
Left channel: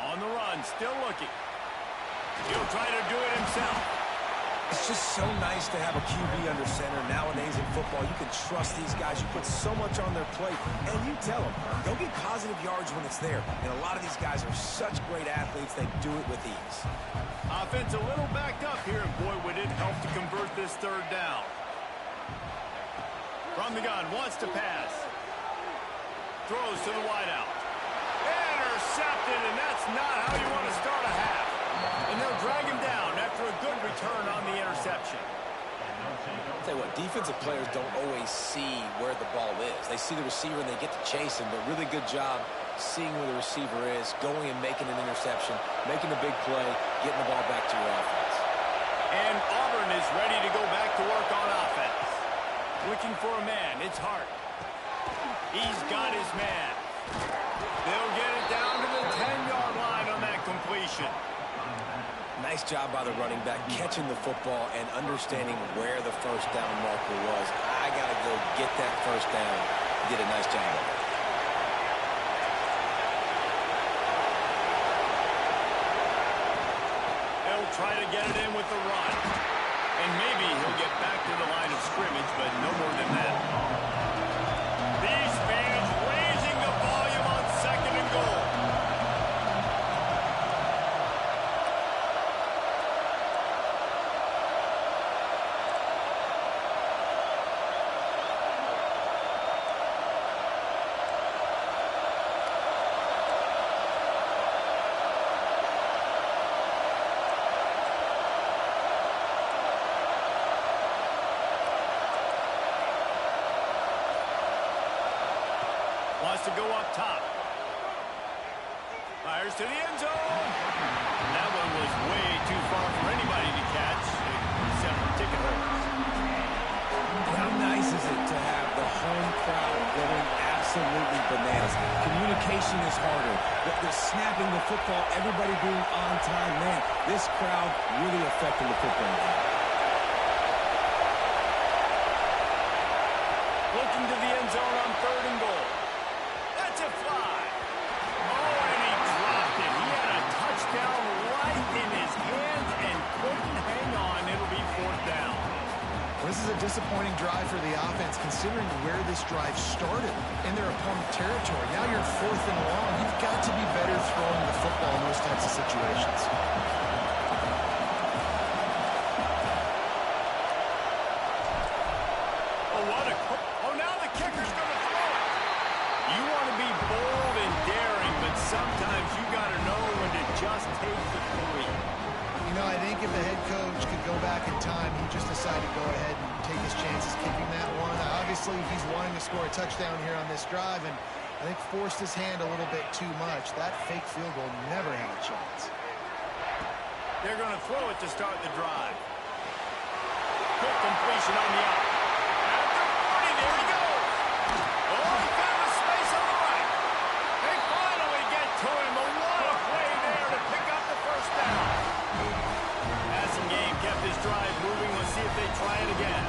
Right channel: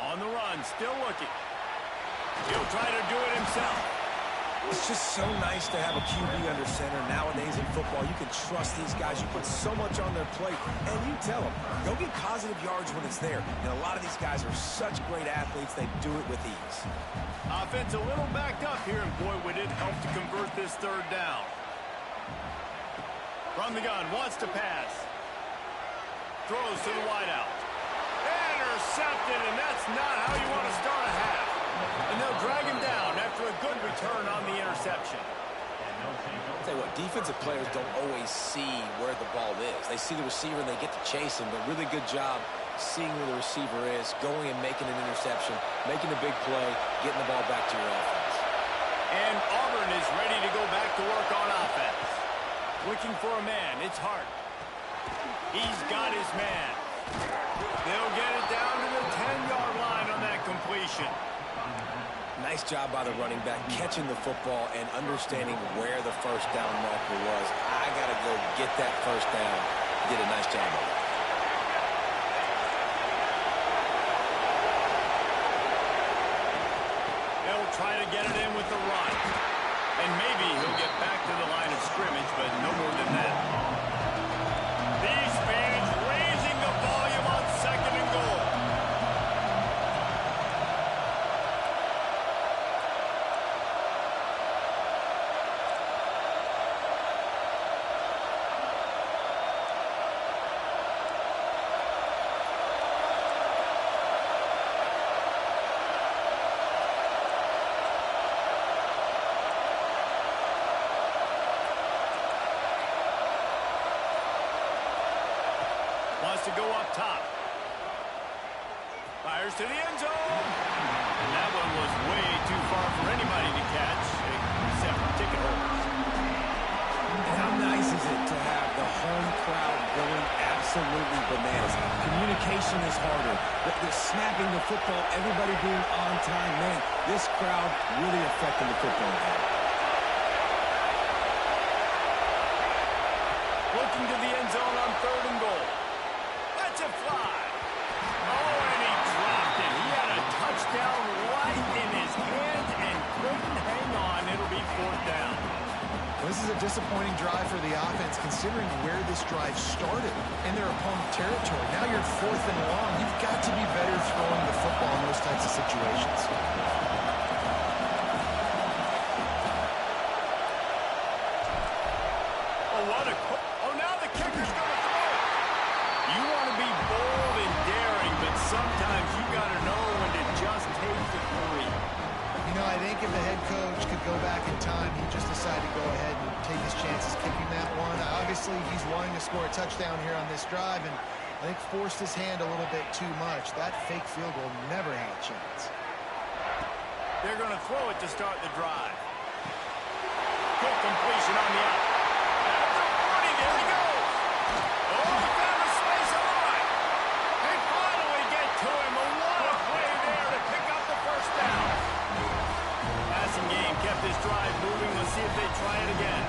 On the run, still looking. He'll try to do it himself. It's just so nice to have a QB under center. Nowadays in football, you can trust these guys. You put so much on their plate, and you tell them, go get positive yards when it's there. And a lot of these guys are such great athletes, they do it with ease. Offense a little backed up here, and boy, would it help to convert this third down. From the gun, wants to pass. Throws to the wideout. Intercepted, and that's not how you want to start a half. And they'll drag him down after a good return on the interception. I'll tell you what, defensive players don't always see where the ball is. They see the receiver and they get to chase him, but really good job seeing where the receiver is, going and making an interception, making a big play, getting the ball back to your offense. And Auburn is ready to go back to work on offense. Looking for a man, it's Hart. He's got his man. They'll get it down to the 10-yard line on that completion. Nice job by the running back, catching the football and understanding where the first down marker was. I got to go get that first down. Did a nice job of it. They'll try to get it in with the run. And maybe he'll get back to the line of scrimmage, but no more than that. These fans raising the volume on second and goal. Wants to go up top. Fires to the end zone. That one was way too far for anybody to catch, except for ticket holders. And how nice is it to have the home crowd going absolutely bananas? Communication is harder. The snapping the football, everybody being on time. Man, this crowd really affecting the football game. Looking to the end zone on 3rd and goal. Let's it fly. Oh, and he dropped it. He had a touchdown right in his hands and couldn't hang on. It'll be 4th down. Well, this is a disappointing drive for the offense, considering where this drive started in their opponent territory. Now you're 4th and long. You've got to be better throwing the football in those types of situations. Oh, now the kicker's going to throw it. You want to be bold and daring, but sometimes you got to know when to just take the 3. You know, I think if the head coach could go back in time, he just decided to go ahead and take his chances kicking that one. Obviously, he's wanting to score a touchdown here on this drive, and I think forced his hand a little bit too much. That fake field goal never had a chance. They're going to throw it to start the drive. Quick completion on the out. At the 40, there he goes. Oh, he found a space on the right. They finally get to him. But what a play there to pick up the 1st down. Passing game kept this drive moving. Let's see if they try it again.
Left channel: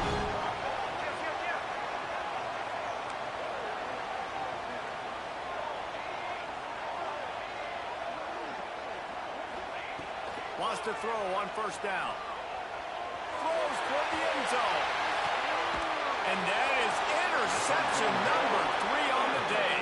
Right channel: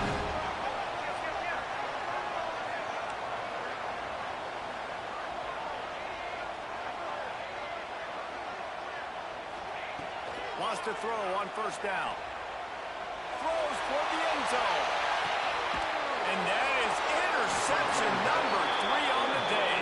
Wants to throw on 1st down. Throws toward the end zone. And that is interception number 3 on the day.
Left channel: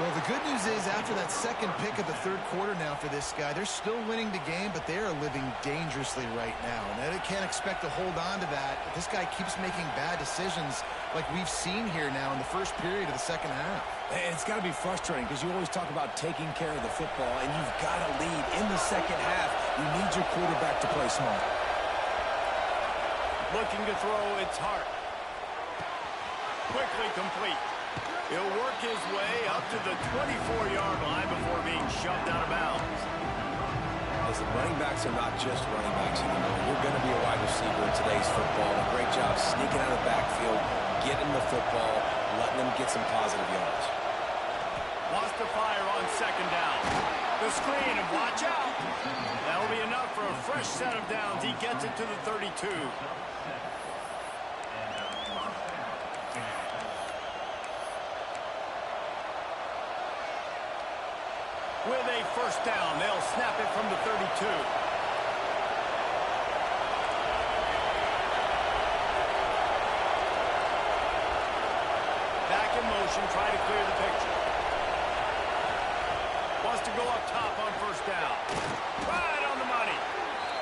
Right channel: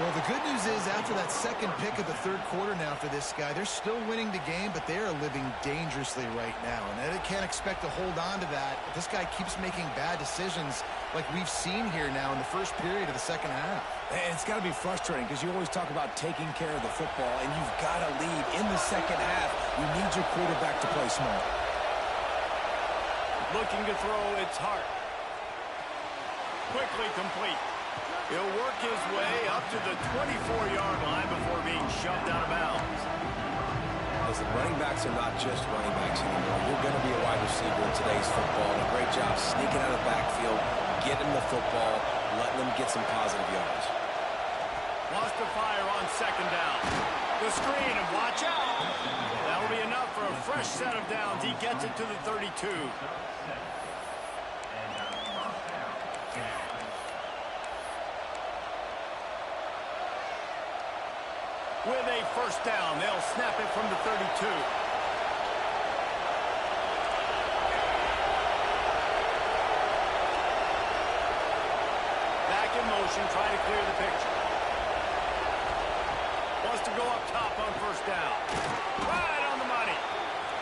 Well, the good news is after that second pick of the 3rd quarter now for this guy, they're still winning the game, but they are living dangerously right now. And they can't expect to hold on to that if this guy keeps making bad decisions like we've seen here now in the first period of the second half. And it's got to be frustrating because you always talk about taking care of the football, and you've got to lead in the second half. You need your quarterback to play smart. Looking to throw, it's Hart. Quickly complete. He'll work his way up to the 24-yard line before being shoved out of bounds. Listen, running backs are not just running backs anymore. You're going to be a wide receiver in today's football. And a great job sneaking out of the backfield, getting the football, letting them get some positive yards. Wants to fire on 2nd down. The screen, and watch out. That'll be enough for a fresh set of downs. He gets it to the 32. With a 1st down, they'll snap it from the 32. Back in motion, trying to clear the picture. Wants to go up top on 1st down. Right on the money.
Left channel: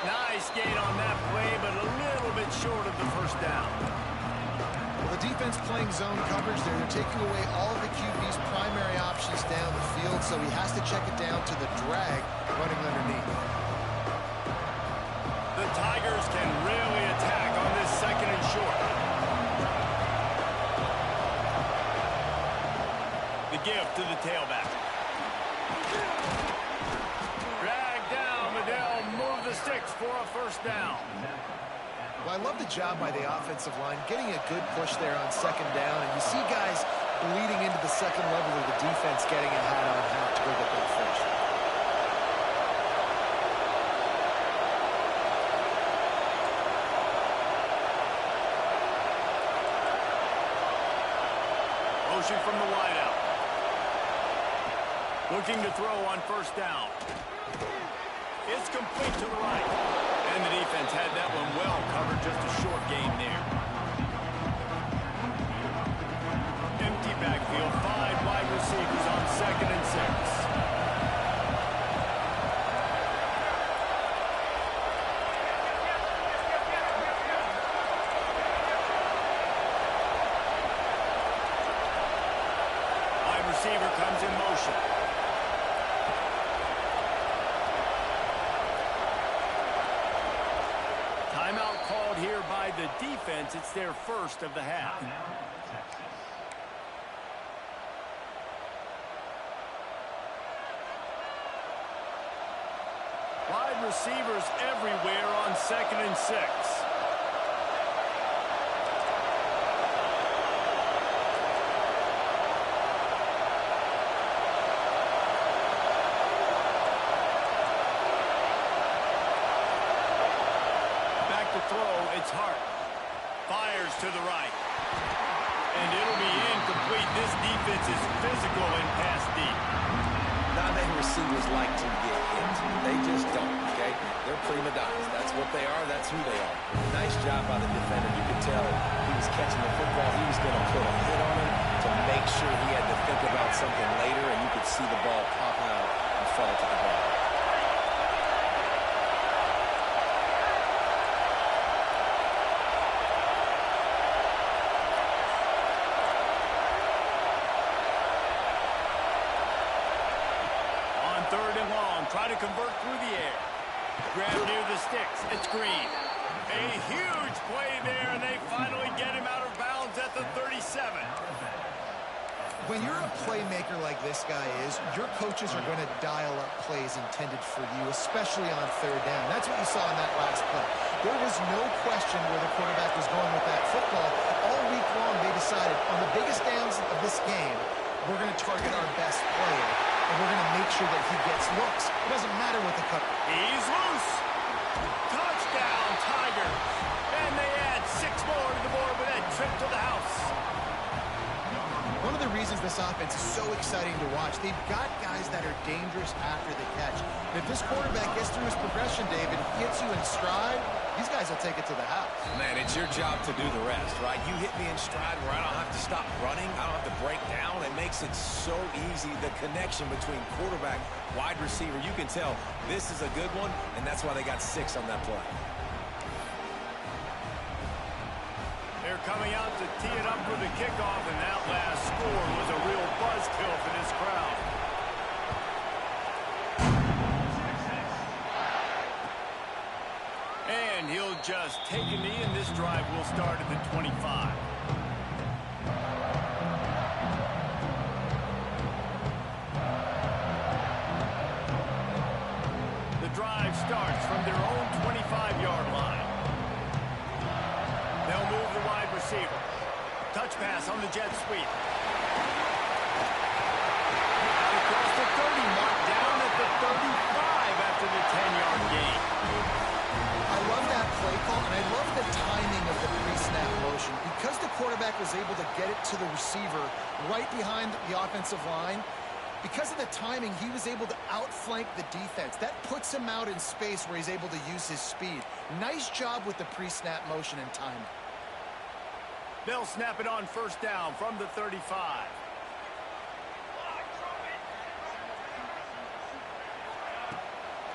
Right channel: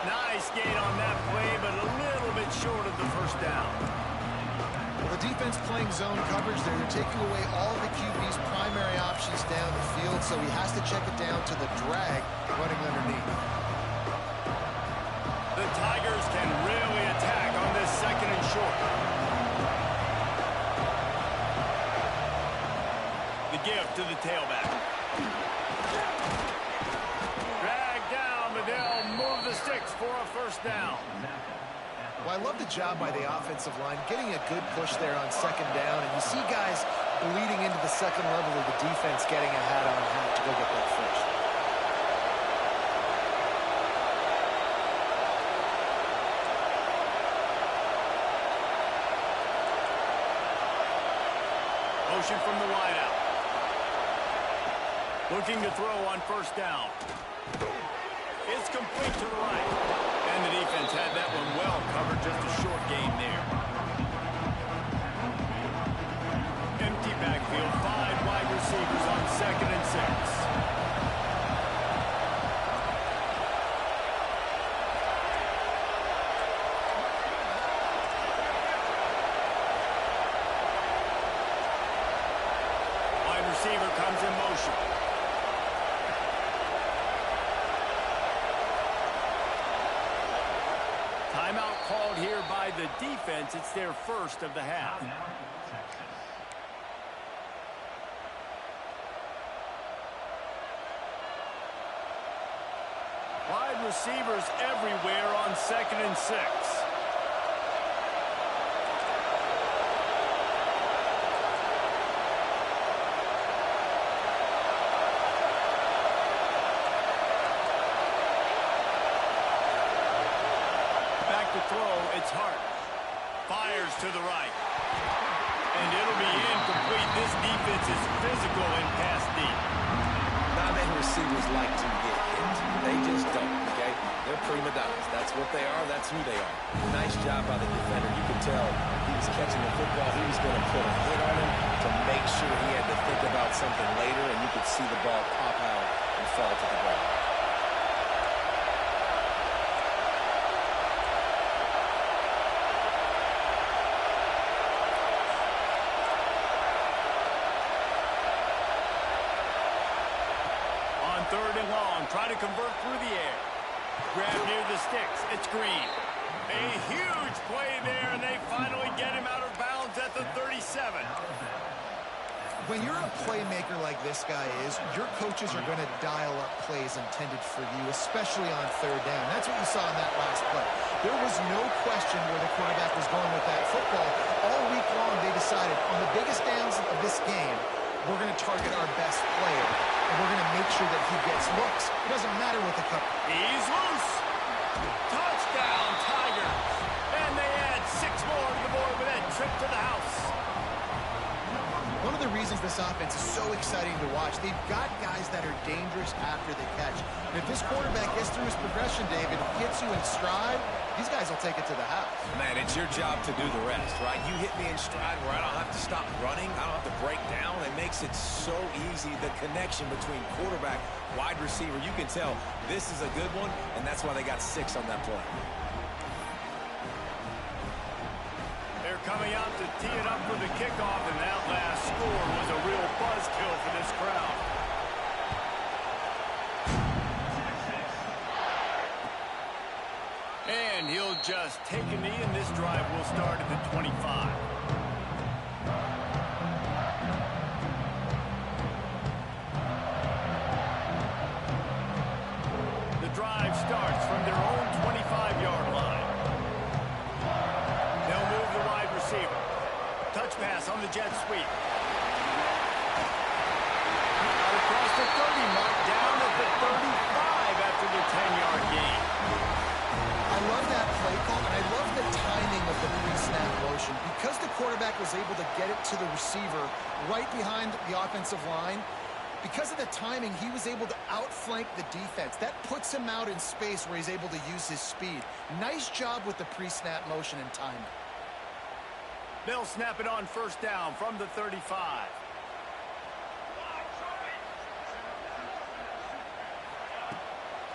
Nice gain on that play, but a little bit short of the 1st down. Well, the defense playing zone coverage there. They're taking away all of the QB's primary options down the field, so he has to check it down to the drag running underneath. The Tigers can really attack on this 2nd and short. The give to the tailback. Drag down, but they'll move the sticks for a 1st down. Well, I love the job by the offensive line, getting a good push there on 2nd down, and you see guys bleeding into the 2nd level of the defense getting a hat-on-hat to go get that 1st. Motion from the wideout. Looking to throw on 1st down. It's complete to the right. And the defense had that one well covered, just a short gain there. Empty backfield, 5 wide receivers on 2nd and 6. Wide receiver comes in motion. Timeout called here by the defense. It's their 1st of the half. receivers everywhere on 2nd and 6. Back to throw, it's Hart. Fires to the right. And it'll be incomplete. This defense is physical and pass deep. Not many receivers like to get hit. They just don't, okay? They're prima donnas. That's what they are. That's who they are. Nice job by the defender. You could tell he was catching the football. He was going to put a hit on him to make sure he had to think about something later, and you could see the ball pop out and fall to the ground. On 3rd and long, try to convert through the air. Grab near the sticks. It's Green. A huge play there, and they finally get him out of bounds at the 37. When you're a playmaker like this guy is, your coaches are going to dial up plays intended for you, especially on 3rd down. That's what you saw in that last play. There was no question where the quarterback was going with that football. All week long, they decided on the biggest downs of this game, we're going to target our best player, and we're going to make sure that he gets looks. It doesn't matter what the cover. He's loose. Touchdown, Tigers. And they add 6 more to the board with that trip to the house. One of the reasons this offense is so exciting to watch, they've got guys that are dangerous after the catch. And if this quarterback gets through his progression, David, gets you in stride, these guys will take it to the house. Man, it's your job to do the rest, right? You hit me in stride where I don't have to stop running. I don't have to break down. It makes it so easy. The connection between quarterback, wide receiver, you can tell this is a good one, and that's why they got 6 on that play. They're coming out to tee it up for the kickoff, and that last score was a real buzzkill for this crowd. And he'll just take a knee, and this drive will start at the 25. The drive starts from their own 25-yard line. They'll move the wide receiver. Touch pass on the jet sweep. Out across the 30, marked down at the 35 after the 10-yard gain. I love that play call, and I love the timing of the pre-snap motion. Because the quarterback was able to get it to the receiver right behind the offensive line, because of the timing, he was able to outflank the defense. That puts him out in space where he's able to use his speed. Nice job with the pre-snap motion and timing. They'll snap it on 1st down from the 35.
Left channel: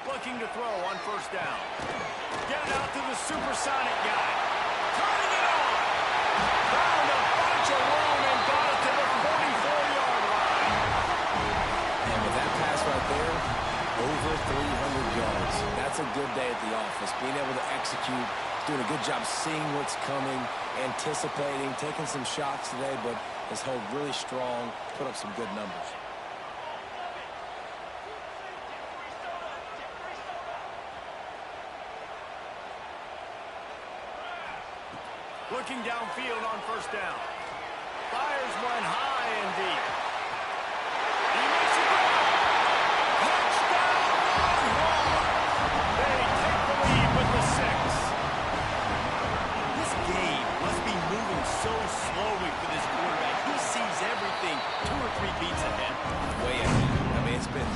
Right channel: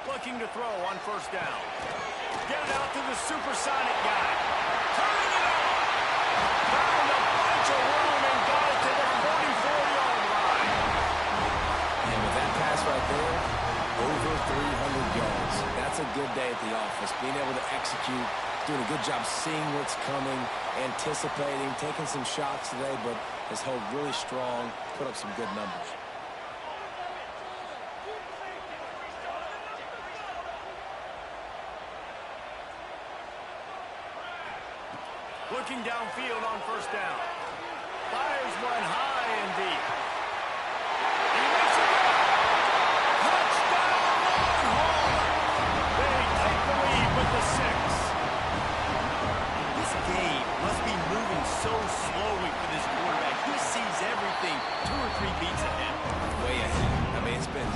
Looking to throw on 1st down. Get it out to the supersonic guy. Turning it on. Found a bunch of room and got it to the 44-yard line. And with that pass right there, over 300 yards. That's a good day at the office. Being able to execute, doing a good job seeing what's coming, anticipating, taking some shots today, but has held really strong, put up some good numbers. Looking downfield on 1st down. Fires one high and deep. He makes a grab. Touchdown, Longhorns! They take the lead with the 6. This game must be moving so slowly for this quarterback. He sees everything 2 or 3 beats ahead. Way ahead. I mean, it's been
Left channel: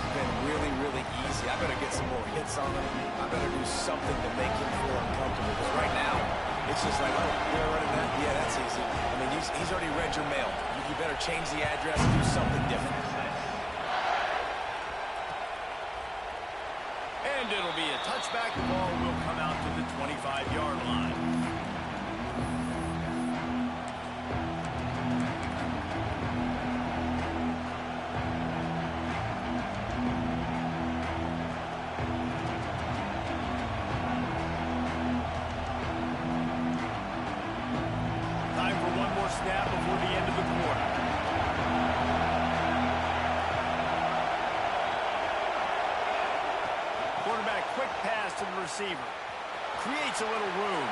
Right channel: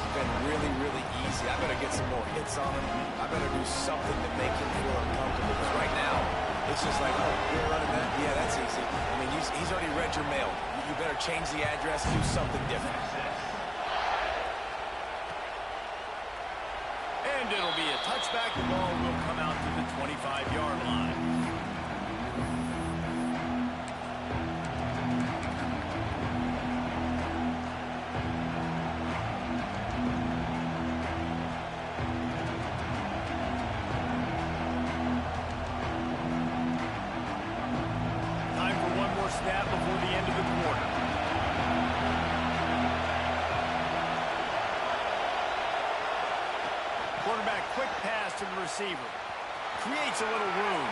really, really easy. I better get some more hits on him. I better do something to make him feel uncomfortable, because right now, it's just like, oh, you're running that? Yeah, that's easy. I mean, he's already read your mail. You better change the address, do something different. And it'll be a touchback. The ball will come out to the 25-yard line. Time for one more snap before the end of the quarter. Quarterback quick pass to the receiver. Creates a little room.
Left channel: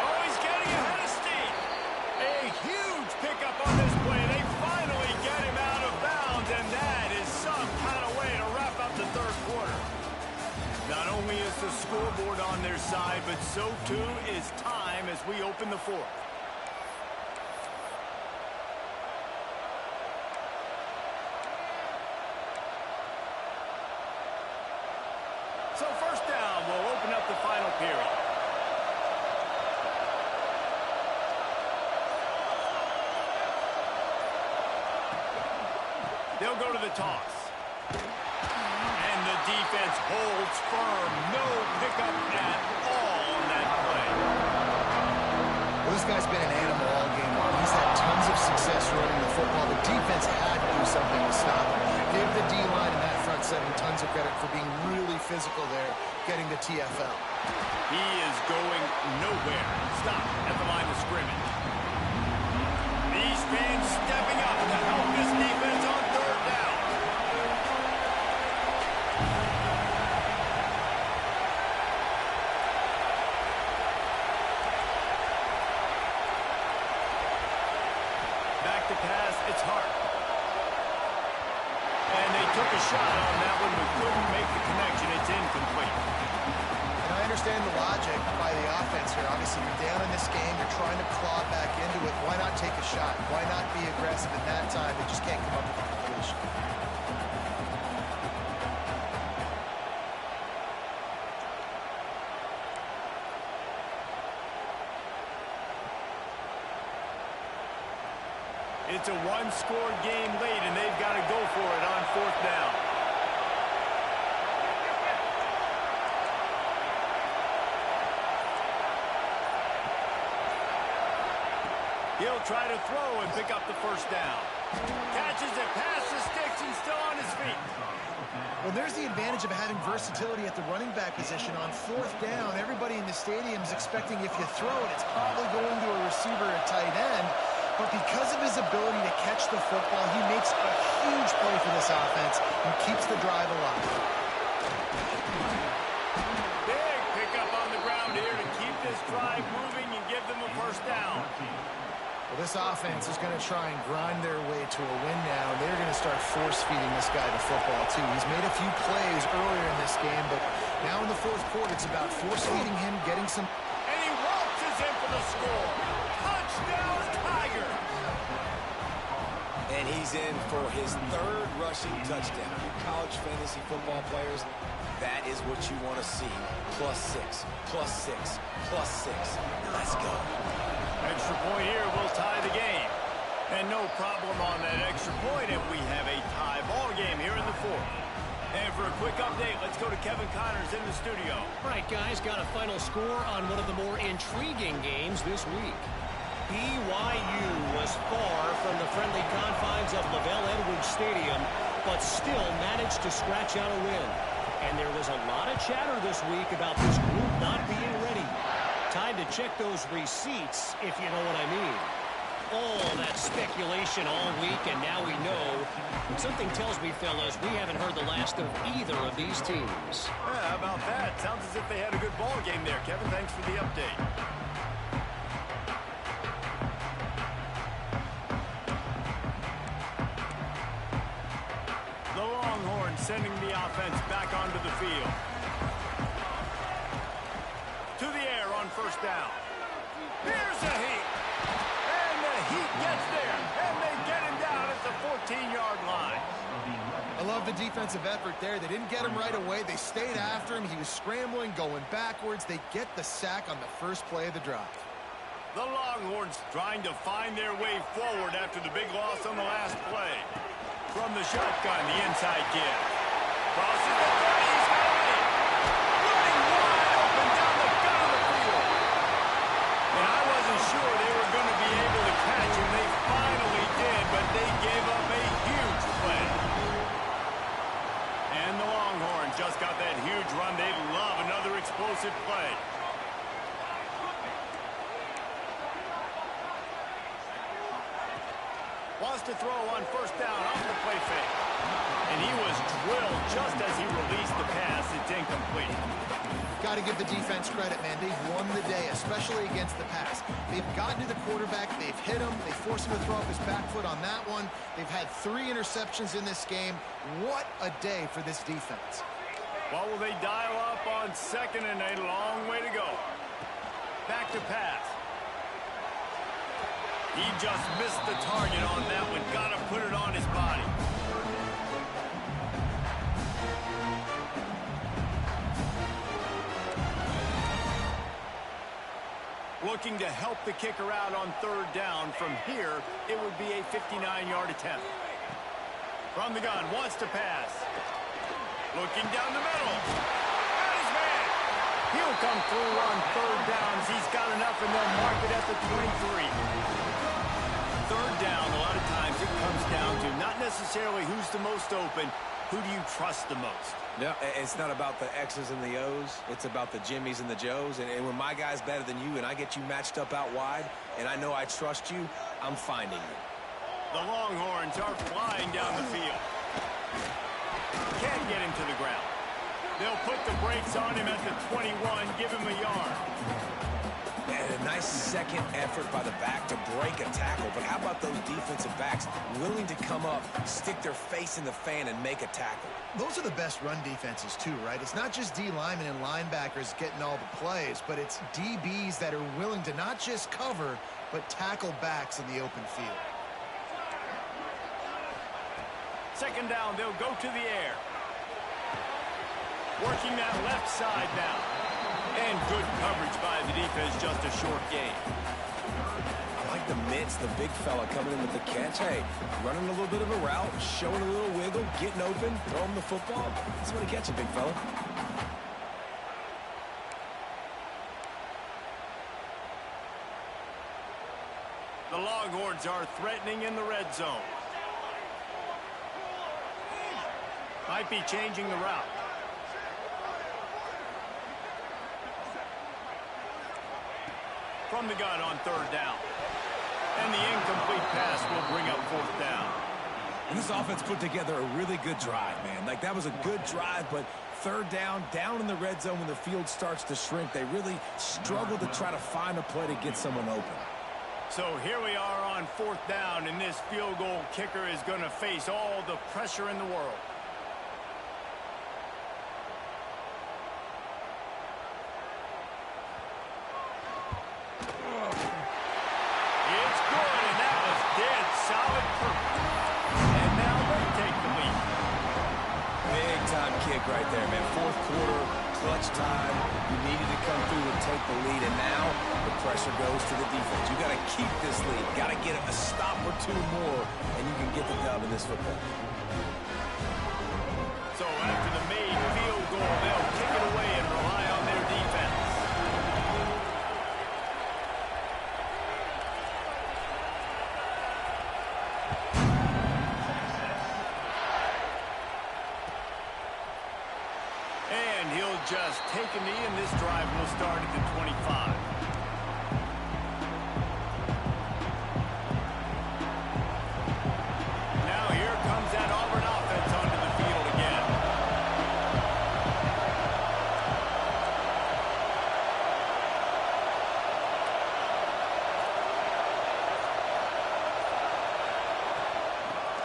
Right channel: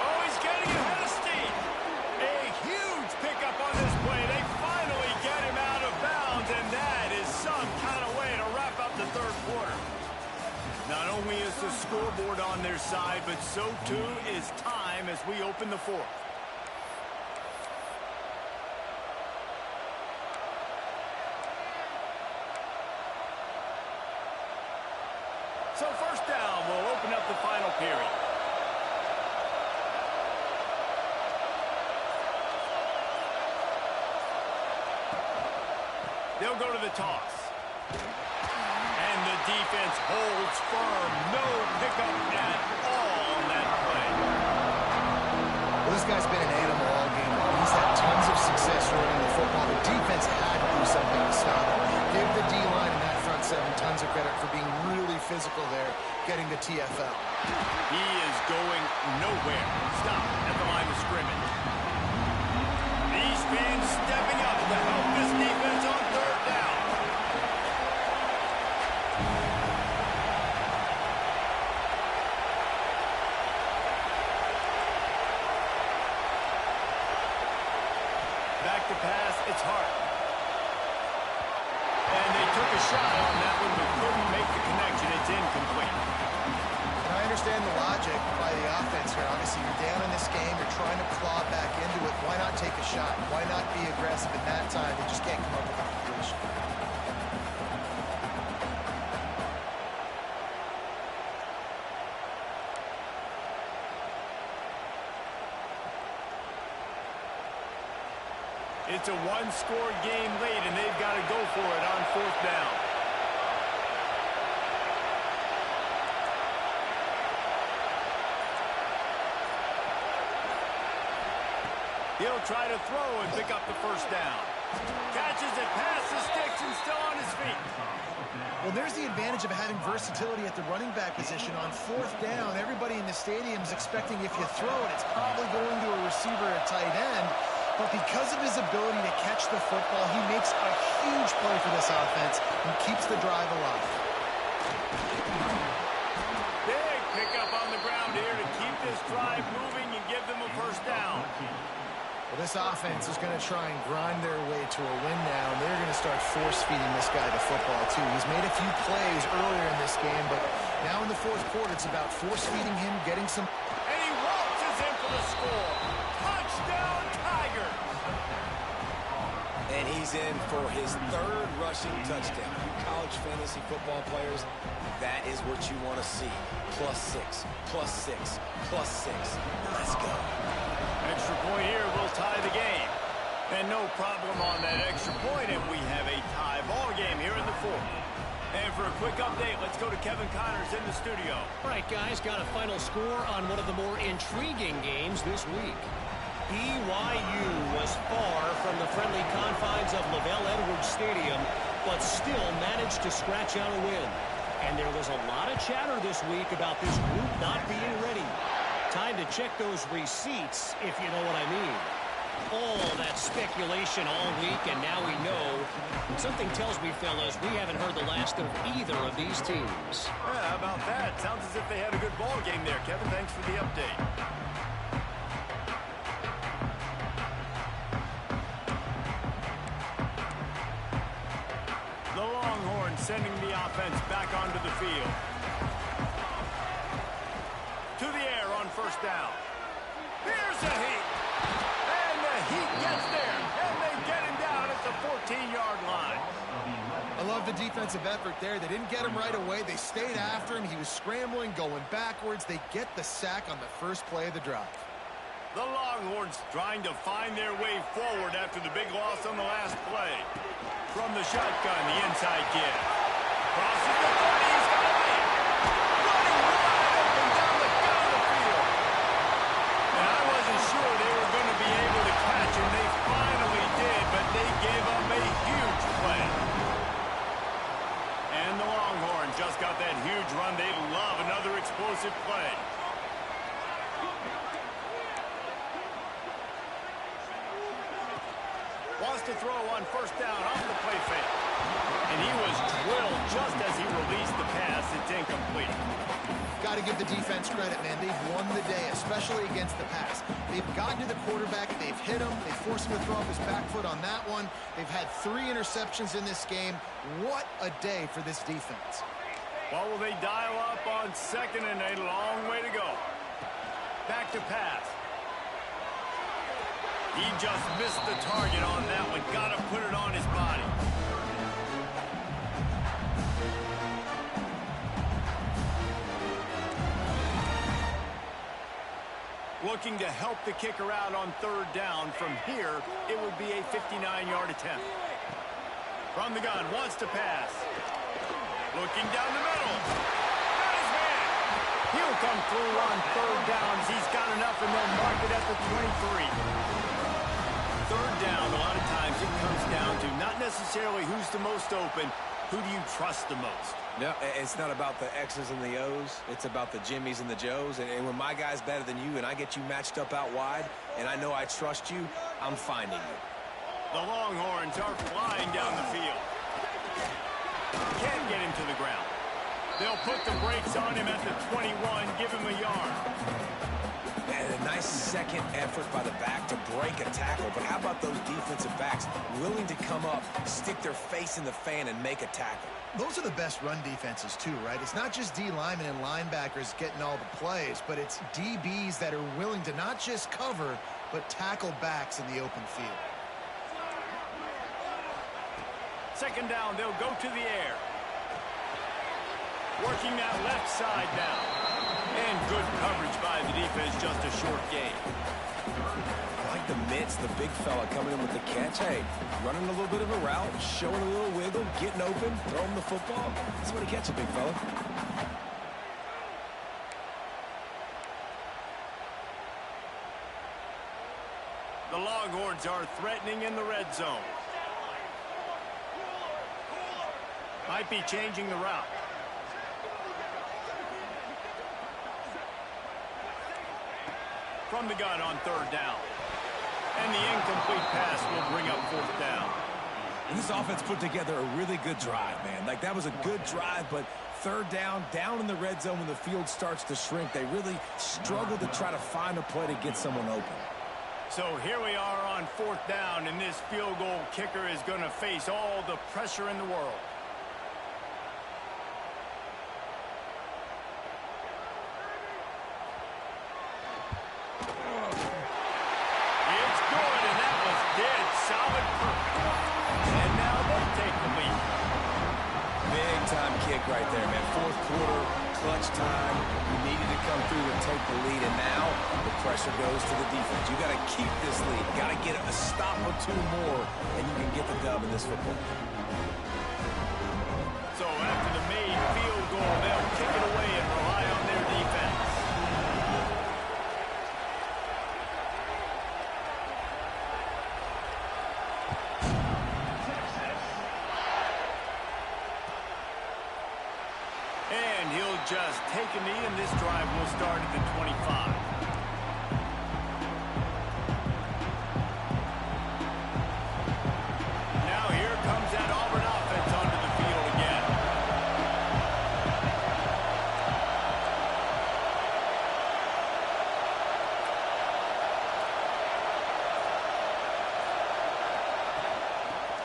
Oh, he's getting ahead of steam. A huge pickup on this play. They finally get him out of bounds, and that is some kind of way to wrap up the third quarter. Not only is the scoreboard on their side, but so too is time as we open the fourth. So first down will open up the final period. They'll go to the toss. And the defense holds firm. No pickup at all on that play. Well, this guy's been an animal all game long. He's had tons of success running the football. The defense had to do something to stop him. Give the D-line and that front seven tons of credit for being really physical there, getting the TFL. He is going nowhere. Stop at the line of scrimmage. These fans stepping up to help this defense on third down. Back to pass, it's Hart. And they took a shot on that one, but couldn't make the connection. It's incomplete. And I understand the logic by the offense here. Obviously, you're down in this game. You're trying to claw back into it. Why not take a shot? Why not be aggressive in that time? They just can't come up with a completion. It's a one-score game late, and they've got to go for it on fourth down. He'll try to throw and pick up the first down. Catches it past the sticks and still on his feet. Well, there's the advantage of having versatility at the running back position. On fourth down, everybody in the stadium is expecting if you throw it, it's probably going to a receiver at tight end. But because of his ability to catch the football, he makes a huge play for this offense and keeps the drive alive. Big pickup on the ground here to keep this drive moving and give them a first down. Well, this offense is going to try and grind their way to a win now, and they're going to start force-feeding this guy the football, too. He's made a few plays earlier in this game, but now in the fourth quarter, it's about force-feeding him, getting some... And he waltzes in for the score. Touchdown, Tigers! And he's in for his third rushing touchdown. You college fantasy football players, that is what you want to see. +6, +6, +6. Let's go. Extra point here will tie the game. And no problem on that extra point, and we have a tie ball game here in the fourth. And for a quick update, let's go to Kevin Connors in the studio. All right, guys, got a final score on one of the more intriguing games this week. BYU was far from the friendly confines of LaVell Edwards Stadium, but still managed to scratch out a win. And there was a lot of chatter this week about this group not being ready. Time to check those receipts, if you know what I mean. All that speculation all week, and now we know. Something tells me, fellas, we haven't heard the last of either of these teams. Yeah, how about that? Sounds as if they had a good ball game there, Kevin. Thanks for the update. The Longhorns sending the offense back onto the field. To the air on first down. Here's a heat. And the Heat gets there. And they get him down at the 14-yard line. I love the defensive effort there. They didn't get him right away. They stayed after him. He was scrambling, going backwards. They get the sack on the first play of the drive. The Longhorns trying to find their way forward after the big loss on the last play. From the shotgun, the inside give. Crosses the 30. He's got a lead. Running wide open down the gut of the field. And I wasn't sure they were going to be able to catch him. They finally did, but they gave up a huge play. And the Longhorns just got that huge run. They love another explosive play. Wants to throw on first down off the play fake. And he was drilled just as he released the pass. It's incomplete. Got to give the defense credit, man. They've won the day, especially against the pass. They've gotten to the quarterback. They've hit him. They forced him to throw up his back foot on that one. They've had 3 interceptions in this game. What a day for this defense. What will they dial up on second and a long way to go? Back to pass. He just missed the target on that one. Got to put it on his body. Looking to help the kicker out on third down. From here, it would be a 59-yard attempt. From the gun, wants to pass. Looking down the middle. Got his man. He'll come through on third downs. He's got enough, and they'll mark it at the 23. Third down, a lot of times it comes down to not necessarily who's the most open, who do you trust the most? No, it's not about the X's and the O's. It's about the Jimmys and the Joes. And when my guy's better than you and I get you matched up out wide and I know I trust you, I'm finding you. The Longhorns are flying down the field. Can't get him to the ground. They'll put the brakes on him at the 21, give him a yard. And a nice second effort by the back to break a tackle. But how about those defensive backs willing to come up, stick their face in the fan, and make a tackle? Those are the best run defenses, too, right? It's not just D linemen and linebackers getting all the plays, but it's DBs that are willing to not just cover, but tackle backs in the open field. Second down, they'll go to the air. Working that left side now. And good coverage by the defense, just a short gain. I like the mitts, the big fella coming in with the catch. Hey, running a little bit of a route, showing a little wiggle, getting open, throwing the football. That's what he catches, big fella. The Longhorns are threatening in the red zone. Might be changing the route. From the gun on third down. And the incomplete pass will bring up fourth down. And this offense put together a really good drive, man. Like, that was a good drive, but third down in the red zone when the field starts to shrink, they really struggle to try to find a play to get someone open. So here we are on fourth down, and this field goal kicker is going to face all the pressure in the world. It's good, and that was dead solid perfect. And now they take the lead. Big time kick right there, man. Fourth quarter, clutch time. You needed to come through to take the lead, and now the pressure goes to the defense. You got to keep this lead. Got to get a stop or two more, and you can get the dub in this football. So after the made field goal, they'll kick it away and rely on their defense. And he'll just take a knee, and this drive will start at the 25. Now here comes that Auburn offense onto the field again.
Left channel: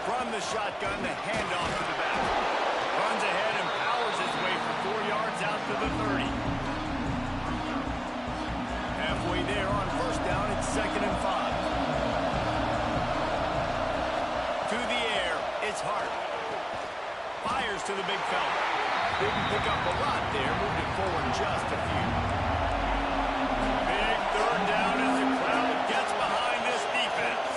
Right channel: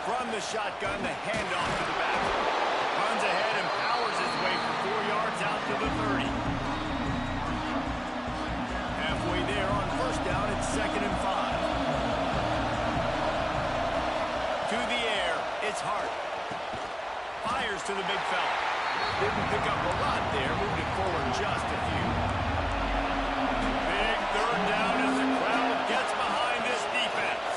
From the shotgun, the handoff to the back. Runs ahead and powers his way for 4 yards out to the 30. Halfway there on first down, it's 2nd and 5. To the air, it's Hart. Fires to the big fella. Didn't pick up a lot there, moved it forward just a few. Big third down as the crowd gets behind this defense.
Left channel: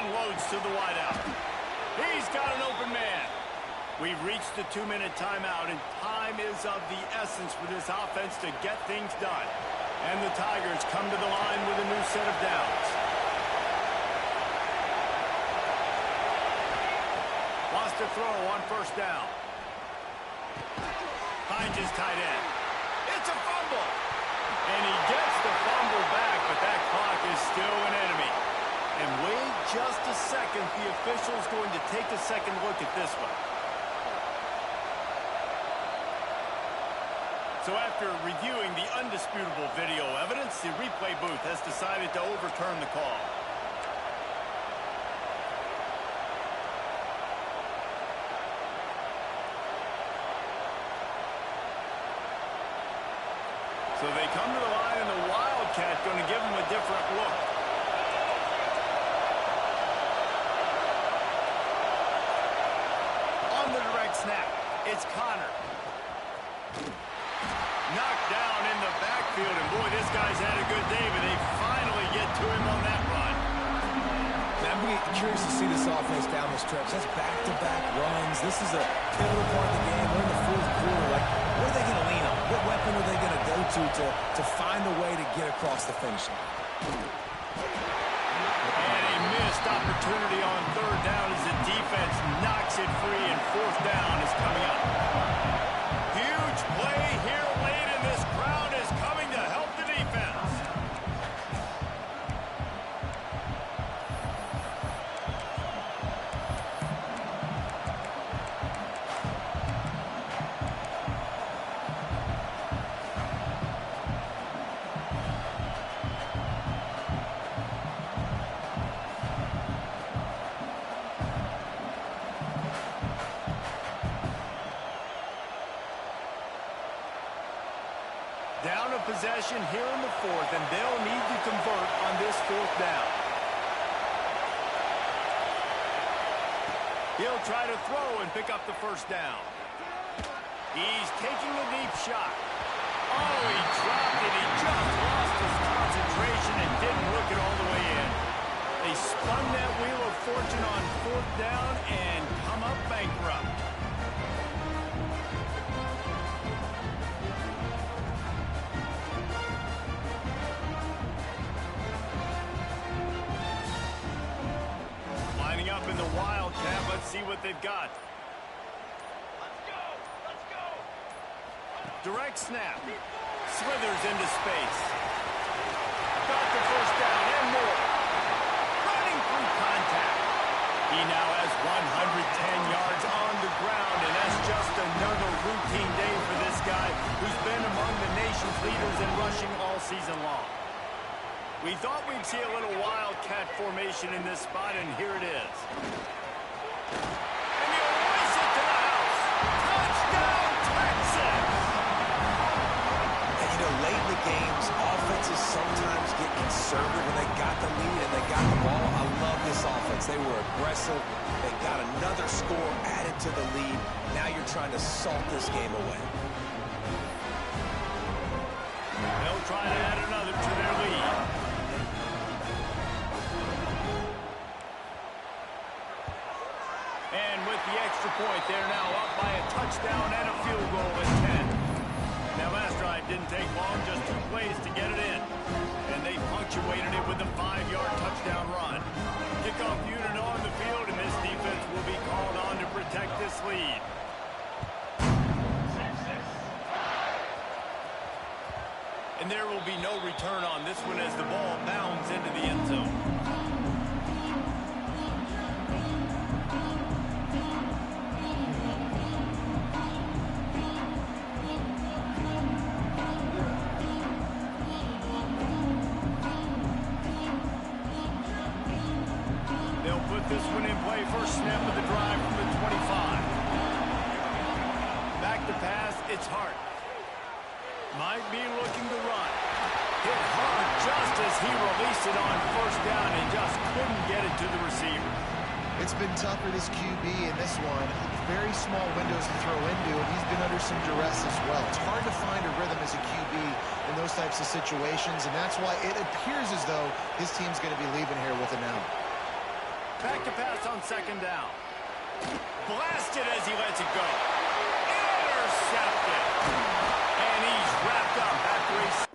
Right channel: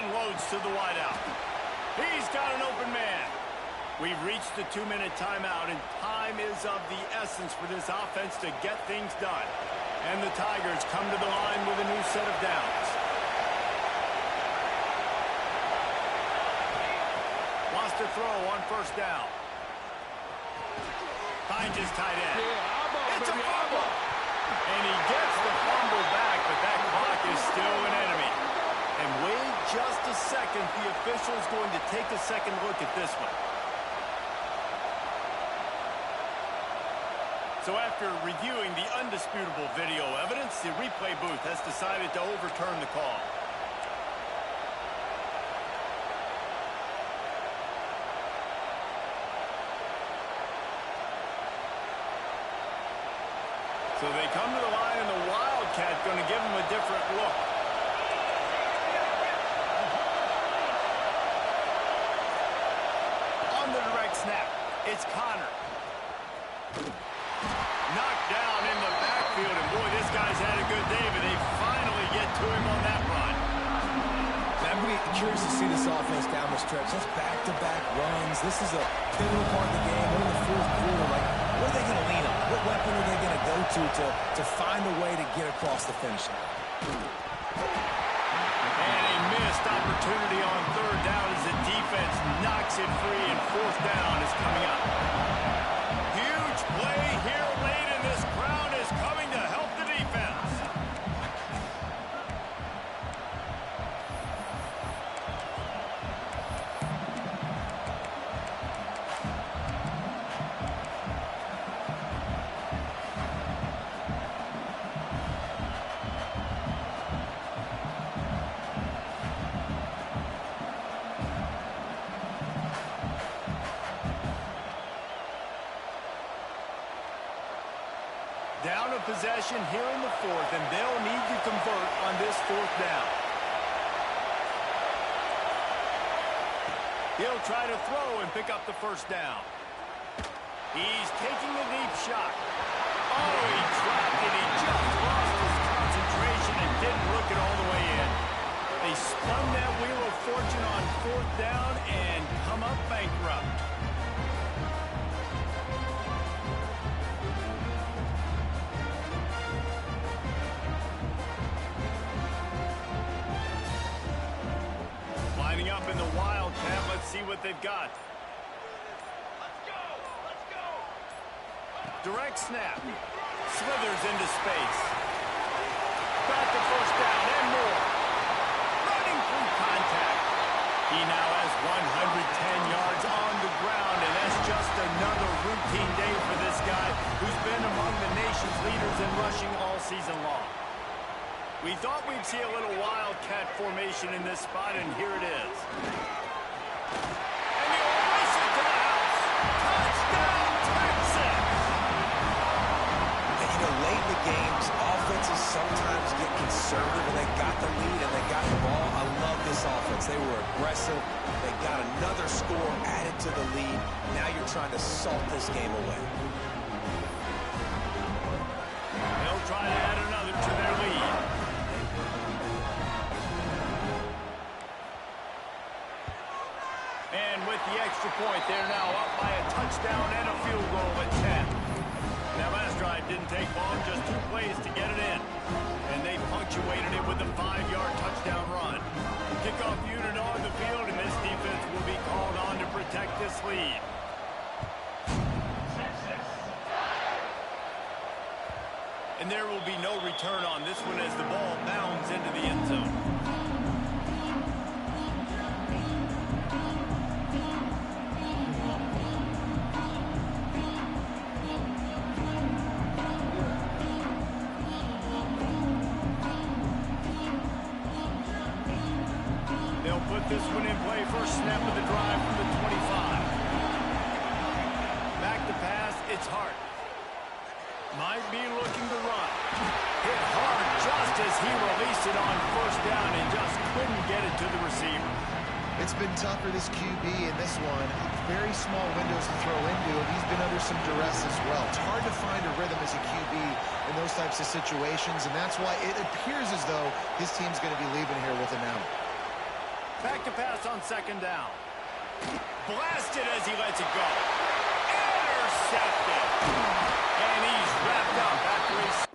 Unloads to the wideout. He's got an open man. We've reached the 2-minute timeout, and time is of the essence for this offense to get things done. And the Tigers come to the line with a new set of downs. Wants to throw on first down. Finds his tight end. It's a fumble. And he gets the fumble back, but that clock is still an enemy. And Wade just a second, the official is going to take a second look at this one. So after reviewing the undisputable video evidence, the replay booth has decided to overturn the call. So they come to the line, and the Wildcat going to give them a different look. On the direct snap, it's Connor. Knocked down in the backfield, and boy, this guy's had a good day, but they finally get to him on that run. Now, I'm really curious to see this offense down the stretch. That's back-to-back runs. This is a pivotal part of the game. We're in the fourth quarter. Like, what are they going to lean on? What weapon are they going to go to find a way to get across the finish line? And a missed opportunity on third down as the defense knocks it free, and fourth down is coming up. Huge play here late, and this crowd is coming to help the defense. Down a possession here in the fourth, and they'll need to convert on this fourth down. He'll try to throw and pick up the first down. He's taking a deep shot. Oh, he dropped it. He just lost his concentration and didn't look it all the way in. They spun that wheel of fortune on fourth down and come up bankrupt. Lining up in the Wildcat. Let's see what they've got. Let's go! Let's go! Direct snap. Slithers into space. Got the first down and more. Running through contact. He now has 110 yards on the ground, and that's just another routine day for this guy who's been among the nation's leaders in rushing all season long. We thought we'd see a little Wildcat formation in this spot, and here it is. And he'll race it to the house. Touchdown, Texas! And, you know, late in the games, offenses sometimes get conservative when they got the lead and they got the ball. I love this offense. They were aggressive. They got another score added to the lead. Now you're trying to salt this game away. They'll try to add another to their lead. And with the extra point, they're now up by a touchdown and a field goal at 10. That last drive didn't take long, just 2 plays to get it in. And they punctuated it with a 5-yard touchdown run. Kickoff unit on the field, and this defense will be called on to protect this lead. And there will be no return on this one as the ball bounds into the end zone. They'll put this one in play. First snap of the drive from the 25. Back to pass, it's Hart. Might be looking to run. Hit hard just as he released it on first down and just couldn't get it to the receiver. It's been tough for this QB in this one. Very small windows to throw into, and he's been under some duress as well. It's hard to find a rhythm as a QB in those types of situations, and that's why it appears as though his team's going to be leaving here with an out. Back to pass on second down. Blasted as he lets it go. Intercepted. And he's wrapped up after a